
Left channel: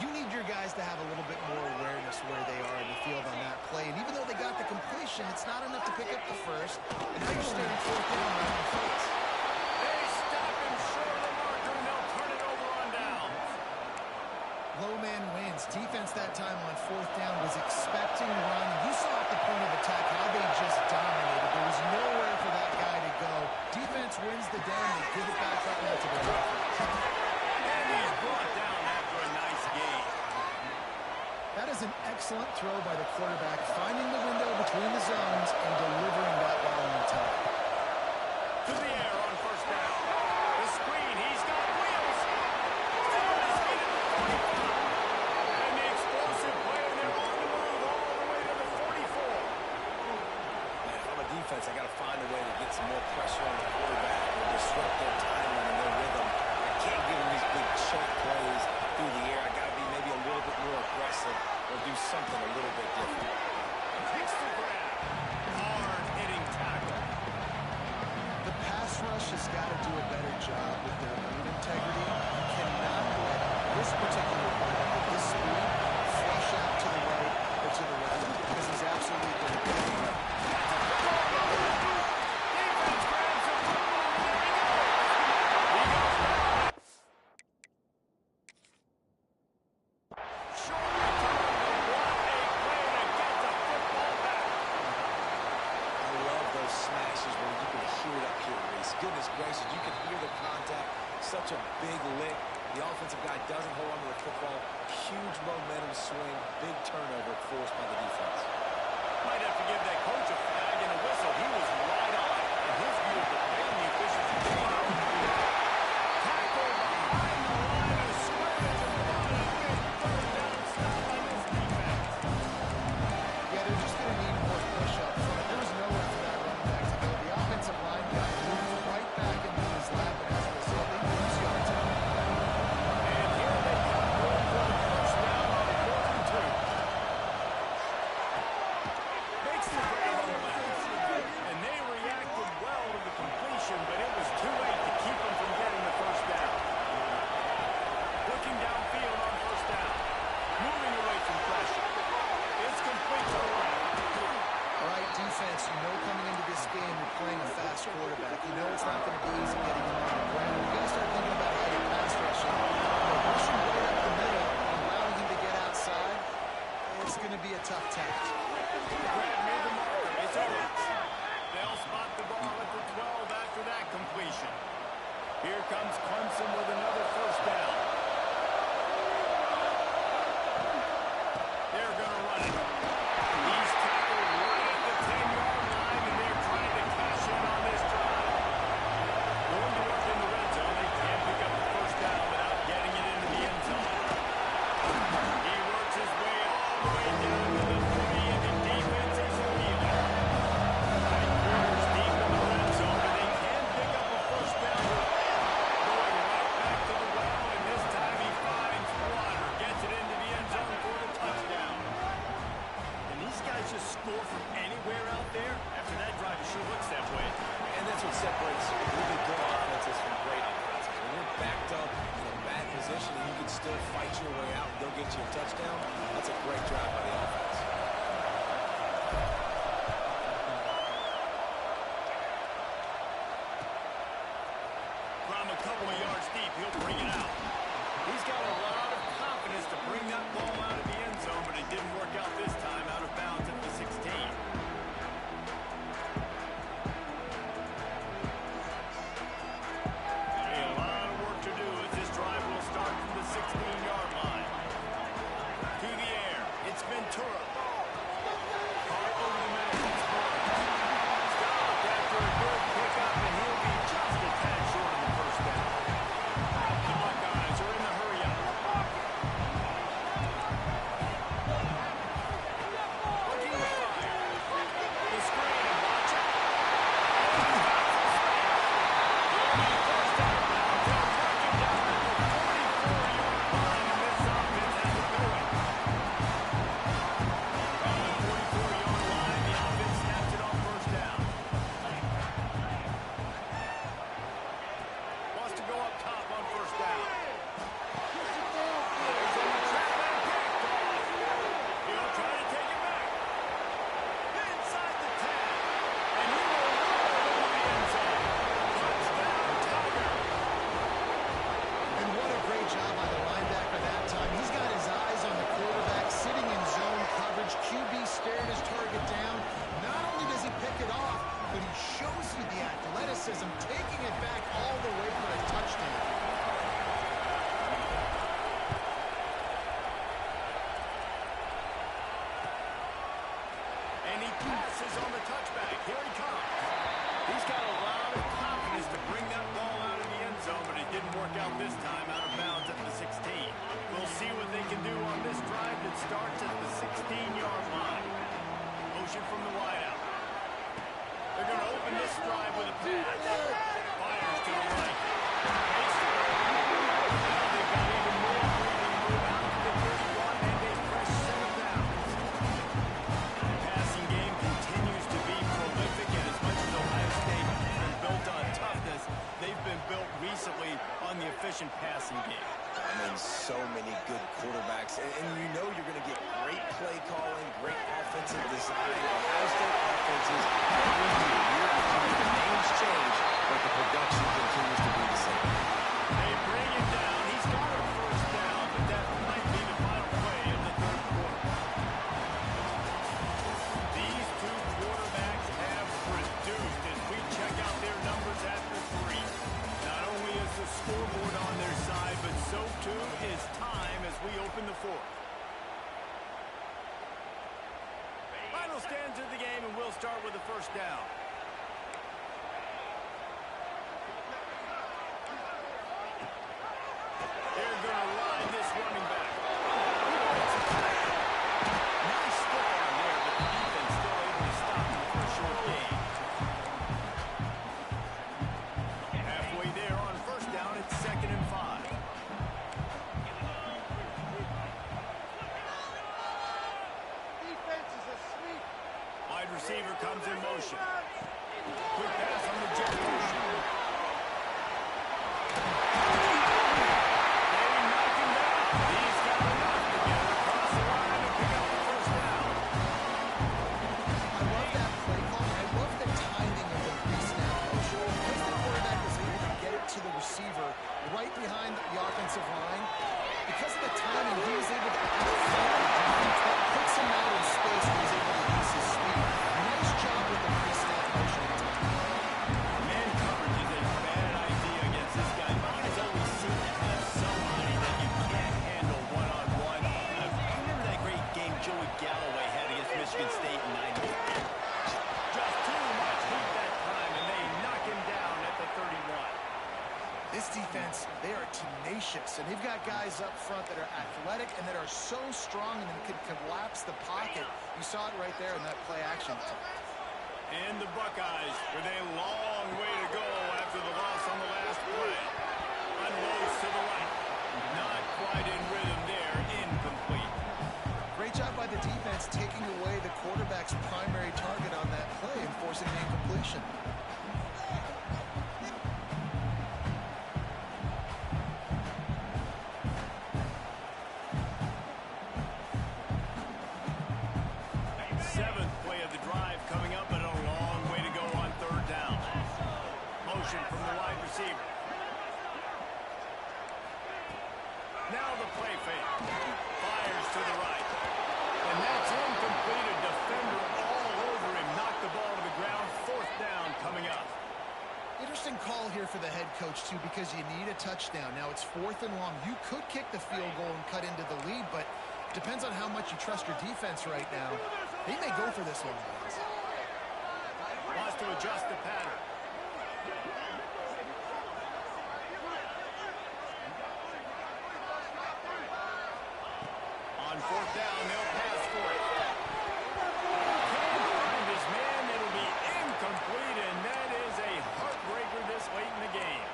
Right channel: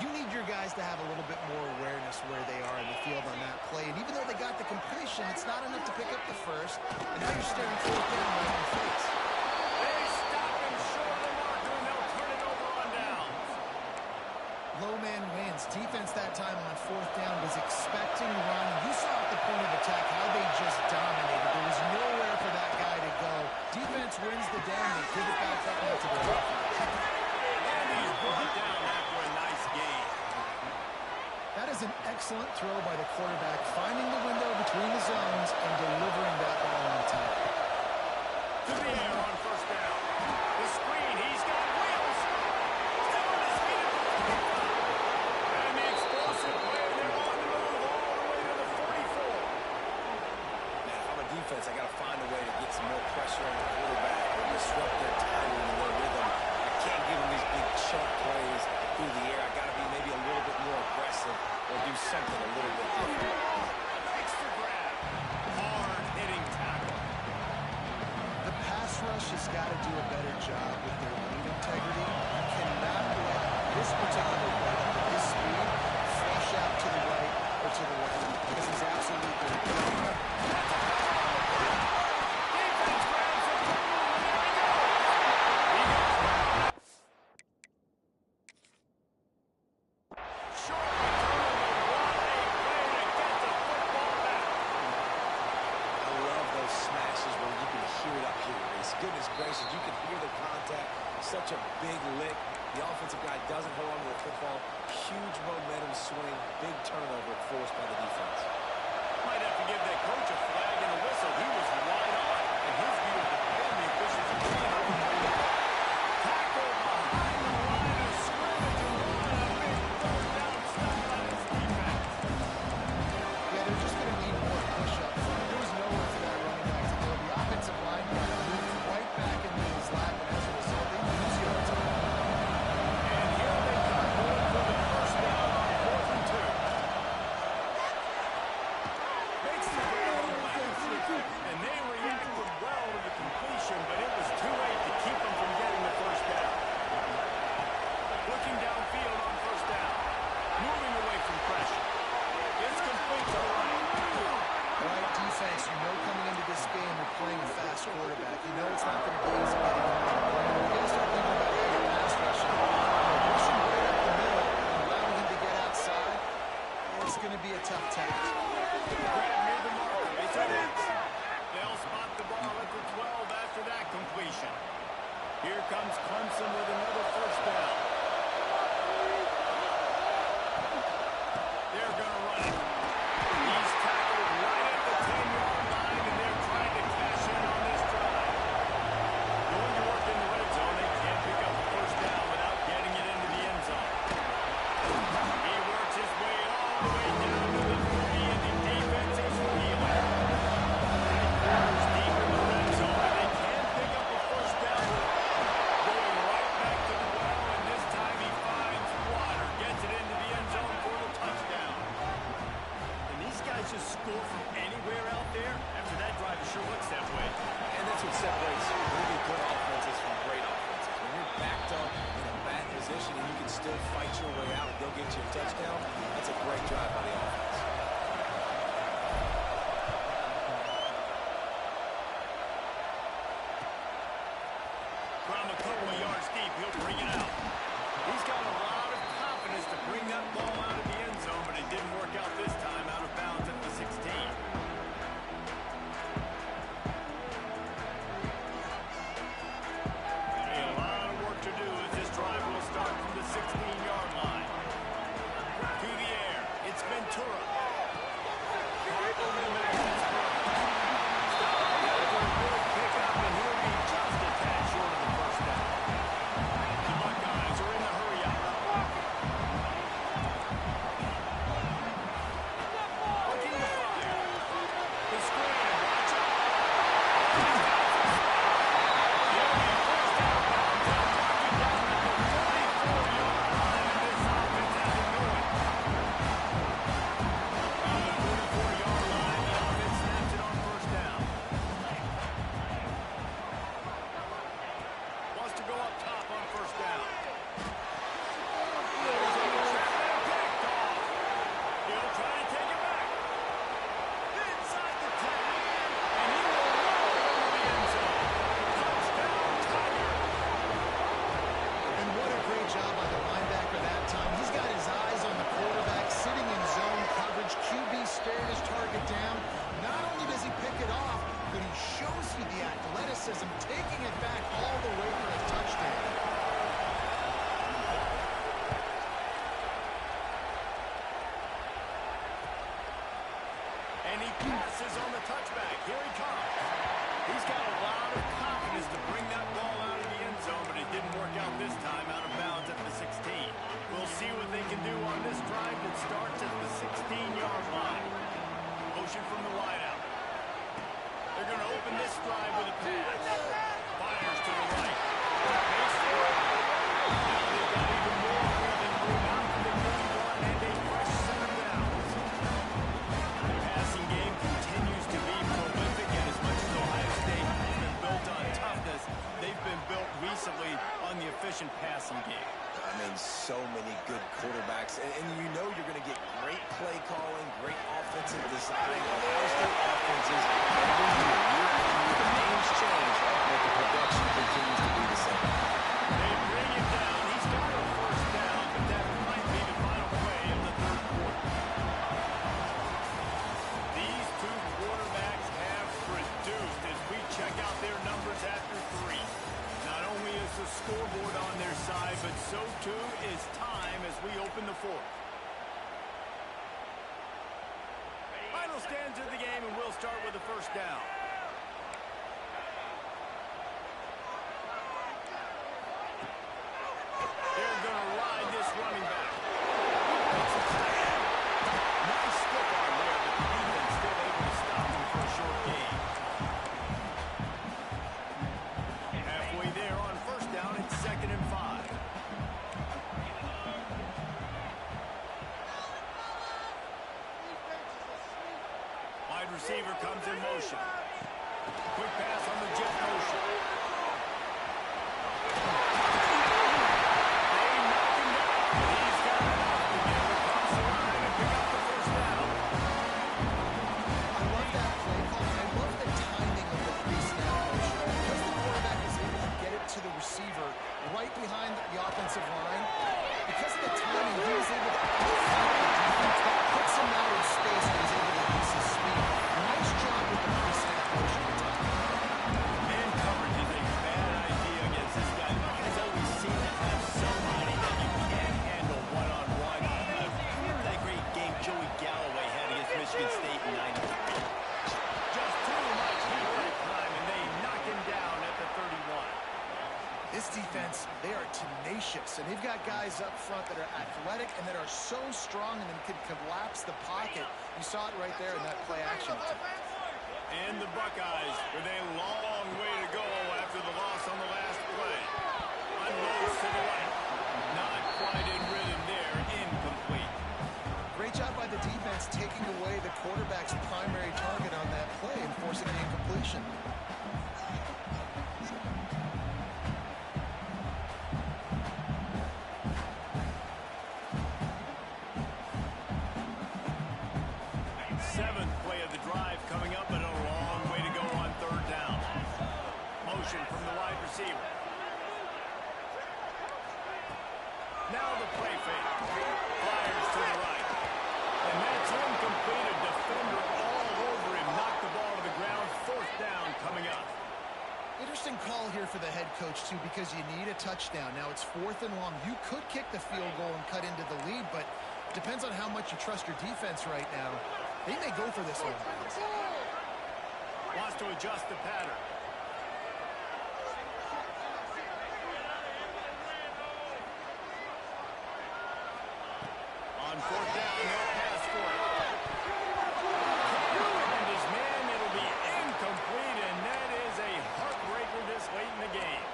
You need your guys to have a little bit more awareness where they are in the field on that play. And even though they got the completion, it's not enough to pick up the first. And now you're staring 4th down right in the face. They stop him short of the marker, and they'll turn it over on downs. Low man wins. Defense that time on 4th down was expecting to run. You saw at the point of attack how they just dominated. There was nowhere for that guy to go. Defense wins the down. They give it back up now to their offense. And he's brought down after a nice gain. That is an excellent throw by the quarterback, finding the window between the zones and delivering that ball on time. To the air on 1st down. The screen, he's got wheels. Still on his feet at the 45. And the explosive play, and they're on the move all the way to the 44. Man, if I'm a defense, I got to find a way to get some more pressure on the quarterback or disrupt their timing and their rhythm. I can't give them these big chunk plays through the air. I got to be maybe a little bit more aggressive or do something a little bit different. Takes the grab. Hard-hitting tackle. The pass rush has got to do a better job with their lead integrity. You cannot let this particular quarterback with his speed flush out to the right or to the left because he's absolutely going to kill him. Defense grabs the football, and there he goes. He goes down. Short return, but what a play to get the football back. I love those smashes where you can hear it up here, Reese. Goodness gracious, you can hear the contact. Such a big lick. The offensive guy doesn't hold on to the football. Huge momentum swing. Big turnover forced by the defense. Might have to give that coach a flag and a whistle. He was right on. And his view of the play and the efficiency being overturned. Tackle behind the line of scrimmage, and what a big 3rd down stop by this defense. Yeah, they're just going to need more push up front. There was nowhere for that running back to go. The offensive line got moved right back into his lap, and as a result, they lose yards on him. And here they come going for the 1st down on 4th and 2. Makes the grab on the left. And they reacted well to the completion, but it was too late to keep them from getting the 1st down. Looking downfield on 1st down. Moving away from pressure. It's complete to the right. All right, defense, you know coming into this game you're playing a fast quarterback. You know it's not going to be easy getting him on the ground. You've got to start thinking about how you're pass rushing. Pushing right up the middle and allowing him to get outside, it's going to be a tough task. Grab near the marker. It's over. They'll spot the ball at the 12 after that completion. Here comes Clemson with another 1st down. They're going to run it. He's tackled right at the 10-yard line, and they're trying to cash in on this drive. Going to work in the red zone. They can't pick up the 1st down without getting it into the end zone. He works his way all the way down to the 3, and the defense is reeling. 9 quarters deep in the red zone, and they can pick up a 1st down. Going right back to the well, and this time he finds Water. Gets it into the end zone for the touchdown. these guys just score from anywhere out there, after that drive, it sure looks that way. And that's what separates really good offenses from great offenses. When you're backed up in a bad position and you can still fight your way out and go get you a touchdown, that's a great drive by the offense. From a couple of yards deep, he'll bring it out. He's got a lot of confidence to bring that ball out of the end zone, but it didn't work out this time, out of bounds at the 16. A lot of work to do as this drive will start from the 16-yard line. To the air, it's Ventura. Caught over the middle, Pittsburgh. Stopped after a good pickup, and he'll be just a tad short of the first down. The Buckeyes are in the hurry-up. Looking to fire. The screen, and watch it. Oh, he's got some space. He'll be forced out of bounds. They'll mark him down at the 44-yard line, and this offense has it going. From the 44-yard line, the offense snaps it on first down. Wants to go up top on first down. There's a trap and picked off. He'll try to take it back. Inside the 10. And he will roll into the end zone. Touchdown, Tigers. And what a great job by the linebacker that time. He's got his eyes on the quarterback, sitting in zone coverage. QB staring his target down. Not only does he pick it off, but he shows you the athleticism, taking it back all the way for a touchdown. And he passes on the touchback. Here he comes. He's got a lot of confidence to bring that ball out of the end zone, but it didn't work out this time, out of bounds at the 16. We'll see what they can do on this drive that starts at the 16-yard line. Motion from the wideout. They're going to open this drive with a pass. Fires to the right. Fakes the right. Now they've got even more breathing room out to the 31 and a fresh set of downs. The passing game continues to be prolific, and as much as Ohio State has been built on toughness, they've been built recently on the efficient passing game. I mean, so many good quarterbacks. And you know you're going to get great play calling, great offensive design. Ohio State offenses every year after year, the names change, but the production continues to be the same. They bring it down. He's got a first down, but that might be the final play of the third quarter. These two quarterbacks have produced as we check out their numbers after three. Not only is the scoreboard on their side, but so too is time as we open the fourth. Final stands of the game, and we'll start with the first down. They're going to ride this running back. He breaks a tackle. Nice stiff arm there, but the defense still able to stop him for a short gain. Halfway there on first down, it's 2nd and 5. Wide receiver comes in motion. Quick pass on the jet motion. They knock him down. He's got enough to get it across the line and pick up the first down. I love that play call, and I love the timing of the pre-snap motion. Because the quarterback is able to get it to the receiver right behind the offensive line, because of the timing, he was able to outflank the defense. That puts him out in space where he's able to use his speed. Nice job with the pre-snap motion and timing. Man coverage is a bad idea against this guy. The Buckeyes always seem to have somebody that you can't handle one-on-one. Remember that great game Joey Galloway had against Michigan State in '93? Just too much heat that time, and they knock him down at the 31. This defense, they are tenacious, and they've got guys up front that are athletic and that are so strong and then can collapse the pocket. You saw it right there in that play action. And the Buckeyes with a long way to go after the loss on the last play. Unloads to the right. Not quite in rhythm there. Incomplete. Great job by the defense taking away the quarterback's primary target on that play and forcing the incompletion. Seventh play of the drive coming up, but a long way to go on third down. Motion from the wide receiver. Now the play fake. Fires to the right. And that's incomplete. A defender all over him. Knocked the ball to the ground. Fourth down coming up. Interesting call here for the head coach, too, because you need a touchdown. Now it's 4th and long. You could kick the field goal and cut into the lead, but it depends on how much you trust your defense right now. They may go for this one. Wants to adjust the pattern. On fourth down, they'll pass for it. Can't find his man. It'll be incomplete, and that is a heartbreaker this late in the game.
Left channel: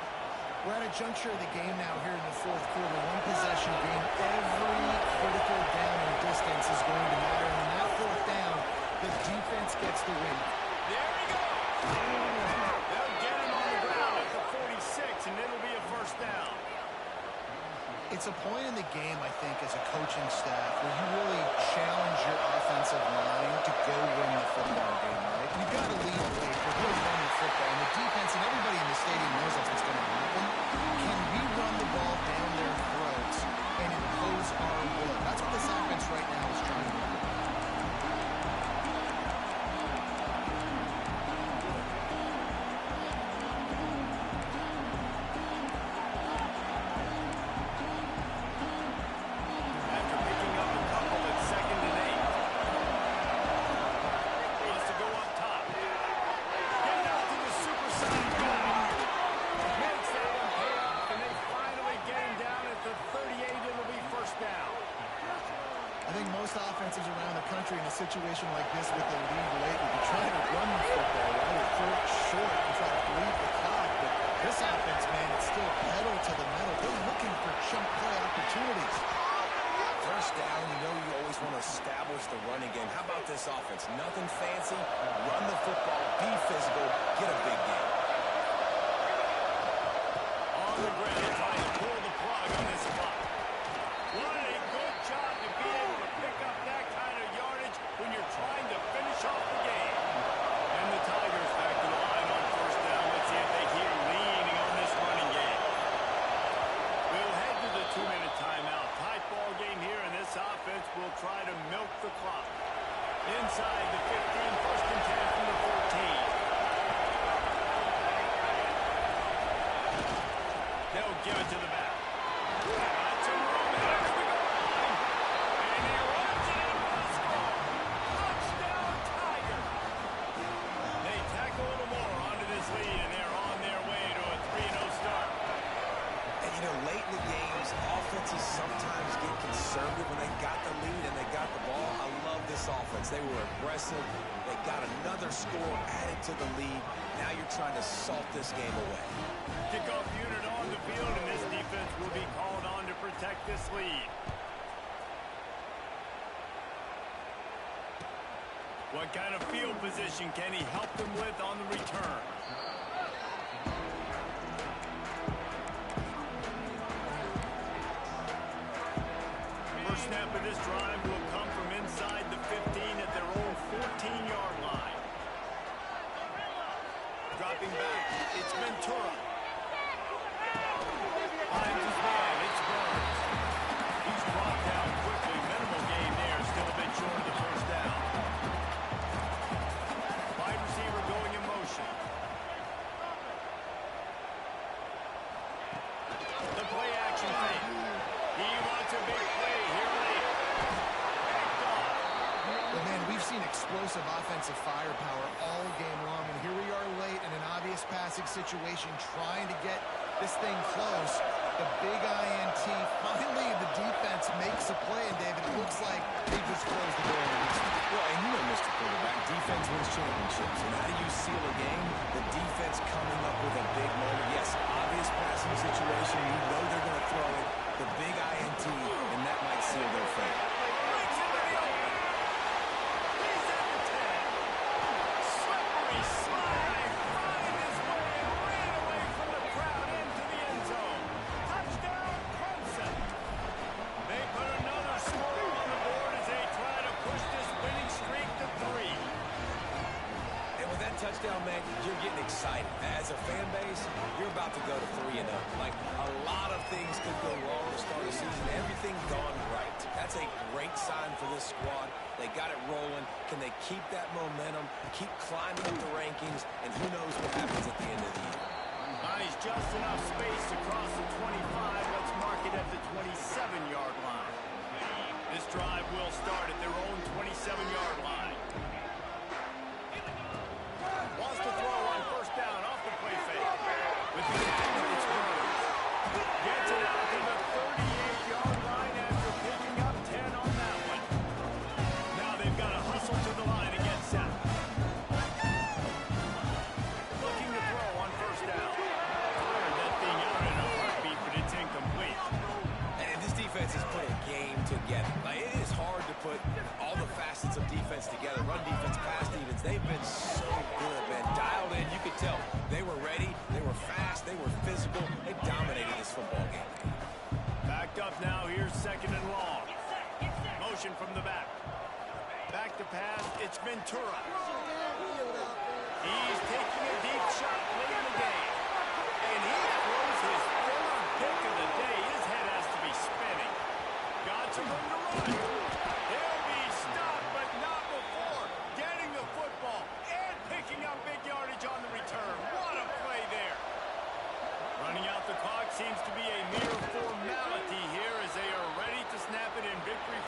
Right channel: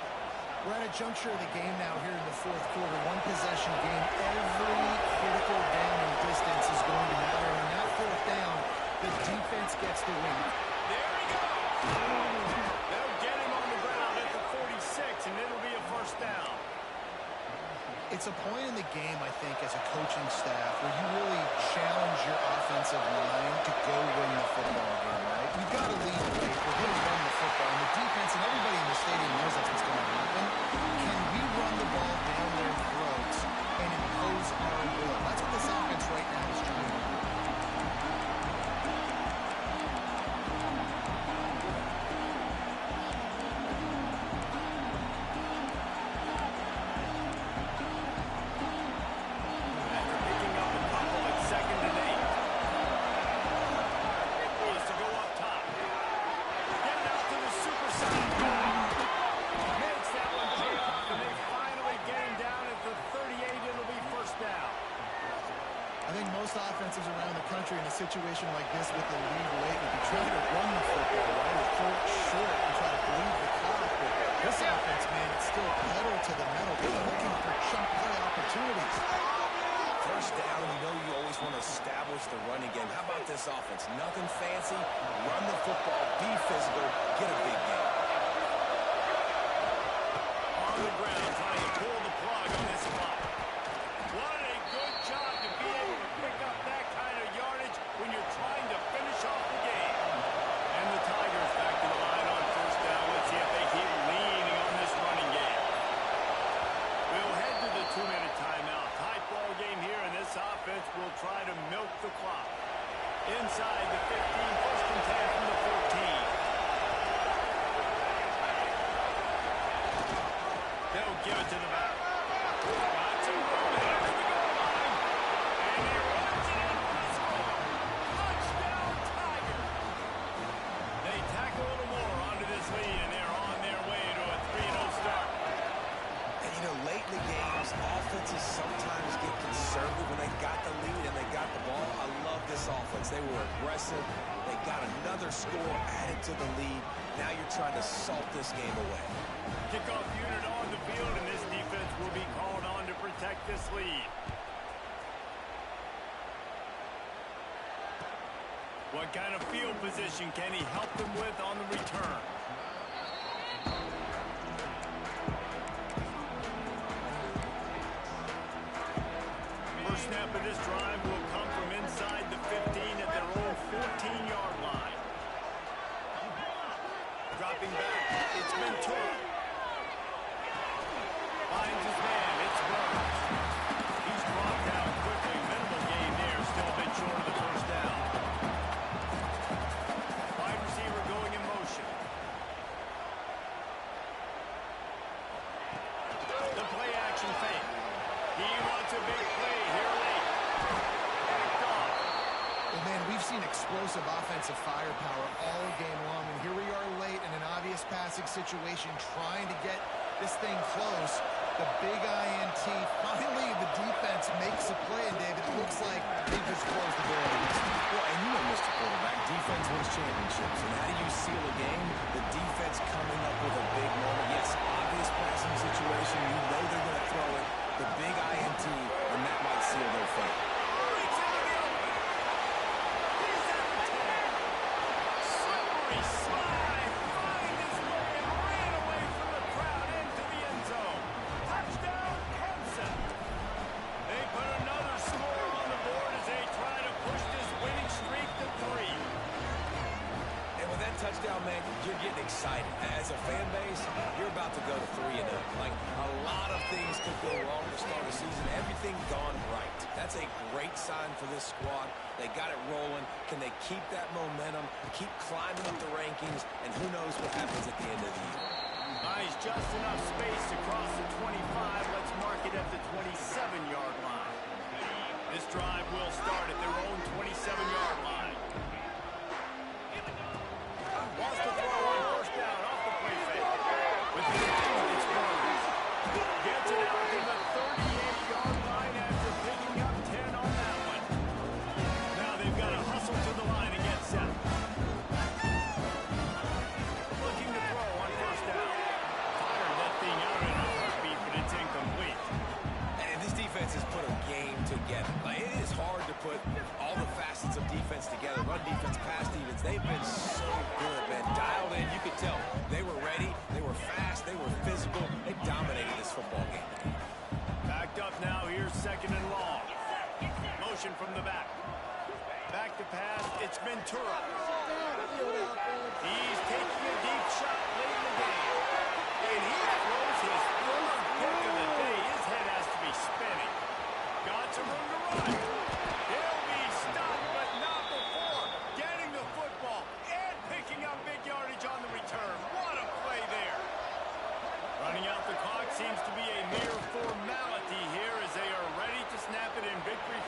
We're at a juncture of the game now here in the fourth quarter. One possession game. Every critical down and distance is going to matter. And in that fourth down, the defense gets the win. There he goes. They'll get him on the ground at the 46, and it'll be a first down. It's a point in the game, I think, as a coaching staff where you really challenge your offensive line to go win the football game, right? We've got to lead the way. We're going to run the football. And the defense and everybody in the stadium knows that's what's going to happen. Can we run the ball down their throats and impose our will? That's what this offense right now is trying to do. Around the country in a situation like this with the lead late would be trying to run the football, right, or throw it short and try to bleed the clock. But this offense, man, it's still pedal to the metal. They're looking for chunk play opportunities. First down, you know you always want to establish the running game. How about this offense? Nothing fancy. Run the football, be physical, get a big game. On the ground, trying to pull the plug on this clock. What a good job to be able to pick up that kind of yardage when you're trying to finish off the game. And the Tigers back to the line on first down. Let's see if they keep leaning on this running game. We'll head to the 2-minute timeout. Tight ball game here, and this offense will try to milk the clock. Inside the 15, first and 10 from the 14. They'll give it to the back. Got some room here to the goal line. And he runs it in for the score. Touchdown, Tiger. They tack a little more onto this lead, and they're on their way to a 3-0 start. And, you know, late in the games, offenses sometimes get conservative when they got the lead and they got the ball. I love this offense. They were aggressive. They got another score added to the lead. Now you're trying to salt this game away. Kickoff unit on the field, and this defense will be called on to protect this lead. What kind of field position can he help them with on the return? First snap of this drive will come from inside the 15 at their own 14-yard line. Dropping back, it's Ventura. Finds his man, it's Burns. He's brought down quickly. Minimal gain there, still a bit short of the first down. Wide receiver going in motion. The play action fake. He wants a big play here late. Backed off. Well, man, we've seen explosive offensive firepower all game long, and here we are late in an obvious passing situation trying to get this thing close. The big INT. Finally, the defense makes a play, and David, it looks like they just closed the door on this one. Well, and you know, Mr. Quarterback, defense wins championships. And how do you seal a game? The defense coming up with a big moment. Yes, obvious passing situation. You know they're going to throw it. The big INT, and that might seal their fate. Reach into the He slide, find his way, and ran away from the crowd into the end zone. Touchdown, Clemson. They put another score on the board as they try to push this winning streak to 3. And with that touchdown, man, you're getting excited. As a fan base, you're about to go to 3-0. Like, a lot of things could go wrong to start the season. Everything gone right. That's a great sign for this squad. They got it rolling. Can they keep that momentum, keep climbing up the rankings, and who knows what happens at the end of the year. Nice, just enough space across the 25. Let's mark it at the 27-yard line. This drive will start at their own 27-yard line. Wants to throw on first down off the play fake. With the it's Burns. Gets it out to the 38-yard line after picking up 10 on that one. Now they've got to hustle to the line and get set. Looking to throw on first down. Fired that thing out in a heartbeat, but it's incomplete. And this defense has put a game together. Like, it is hard to put all the facets of defense together. Run defense, pass defense. They've been so good, man. Dialed in, you could tell. They were ready, they were fast, they were physical. They dominated this football game. Backed up now, here's second and long. Motion from the back. Back to pass, it's Ventura. He's taking a deep shot late in the game. And he throws his third pick of the day. His head has to be spinning. Got some room to run. He'll be stopped, but not before getting the football and picking up big yardage on the return. What a play there. Running out the clock seems to be a mere formality here as they are ready to snap it in victory.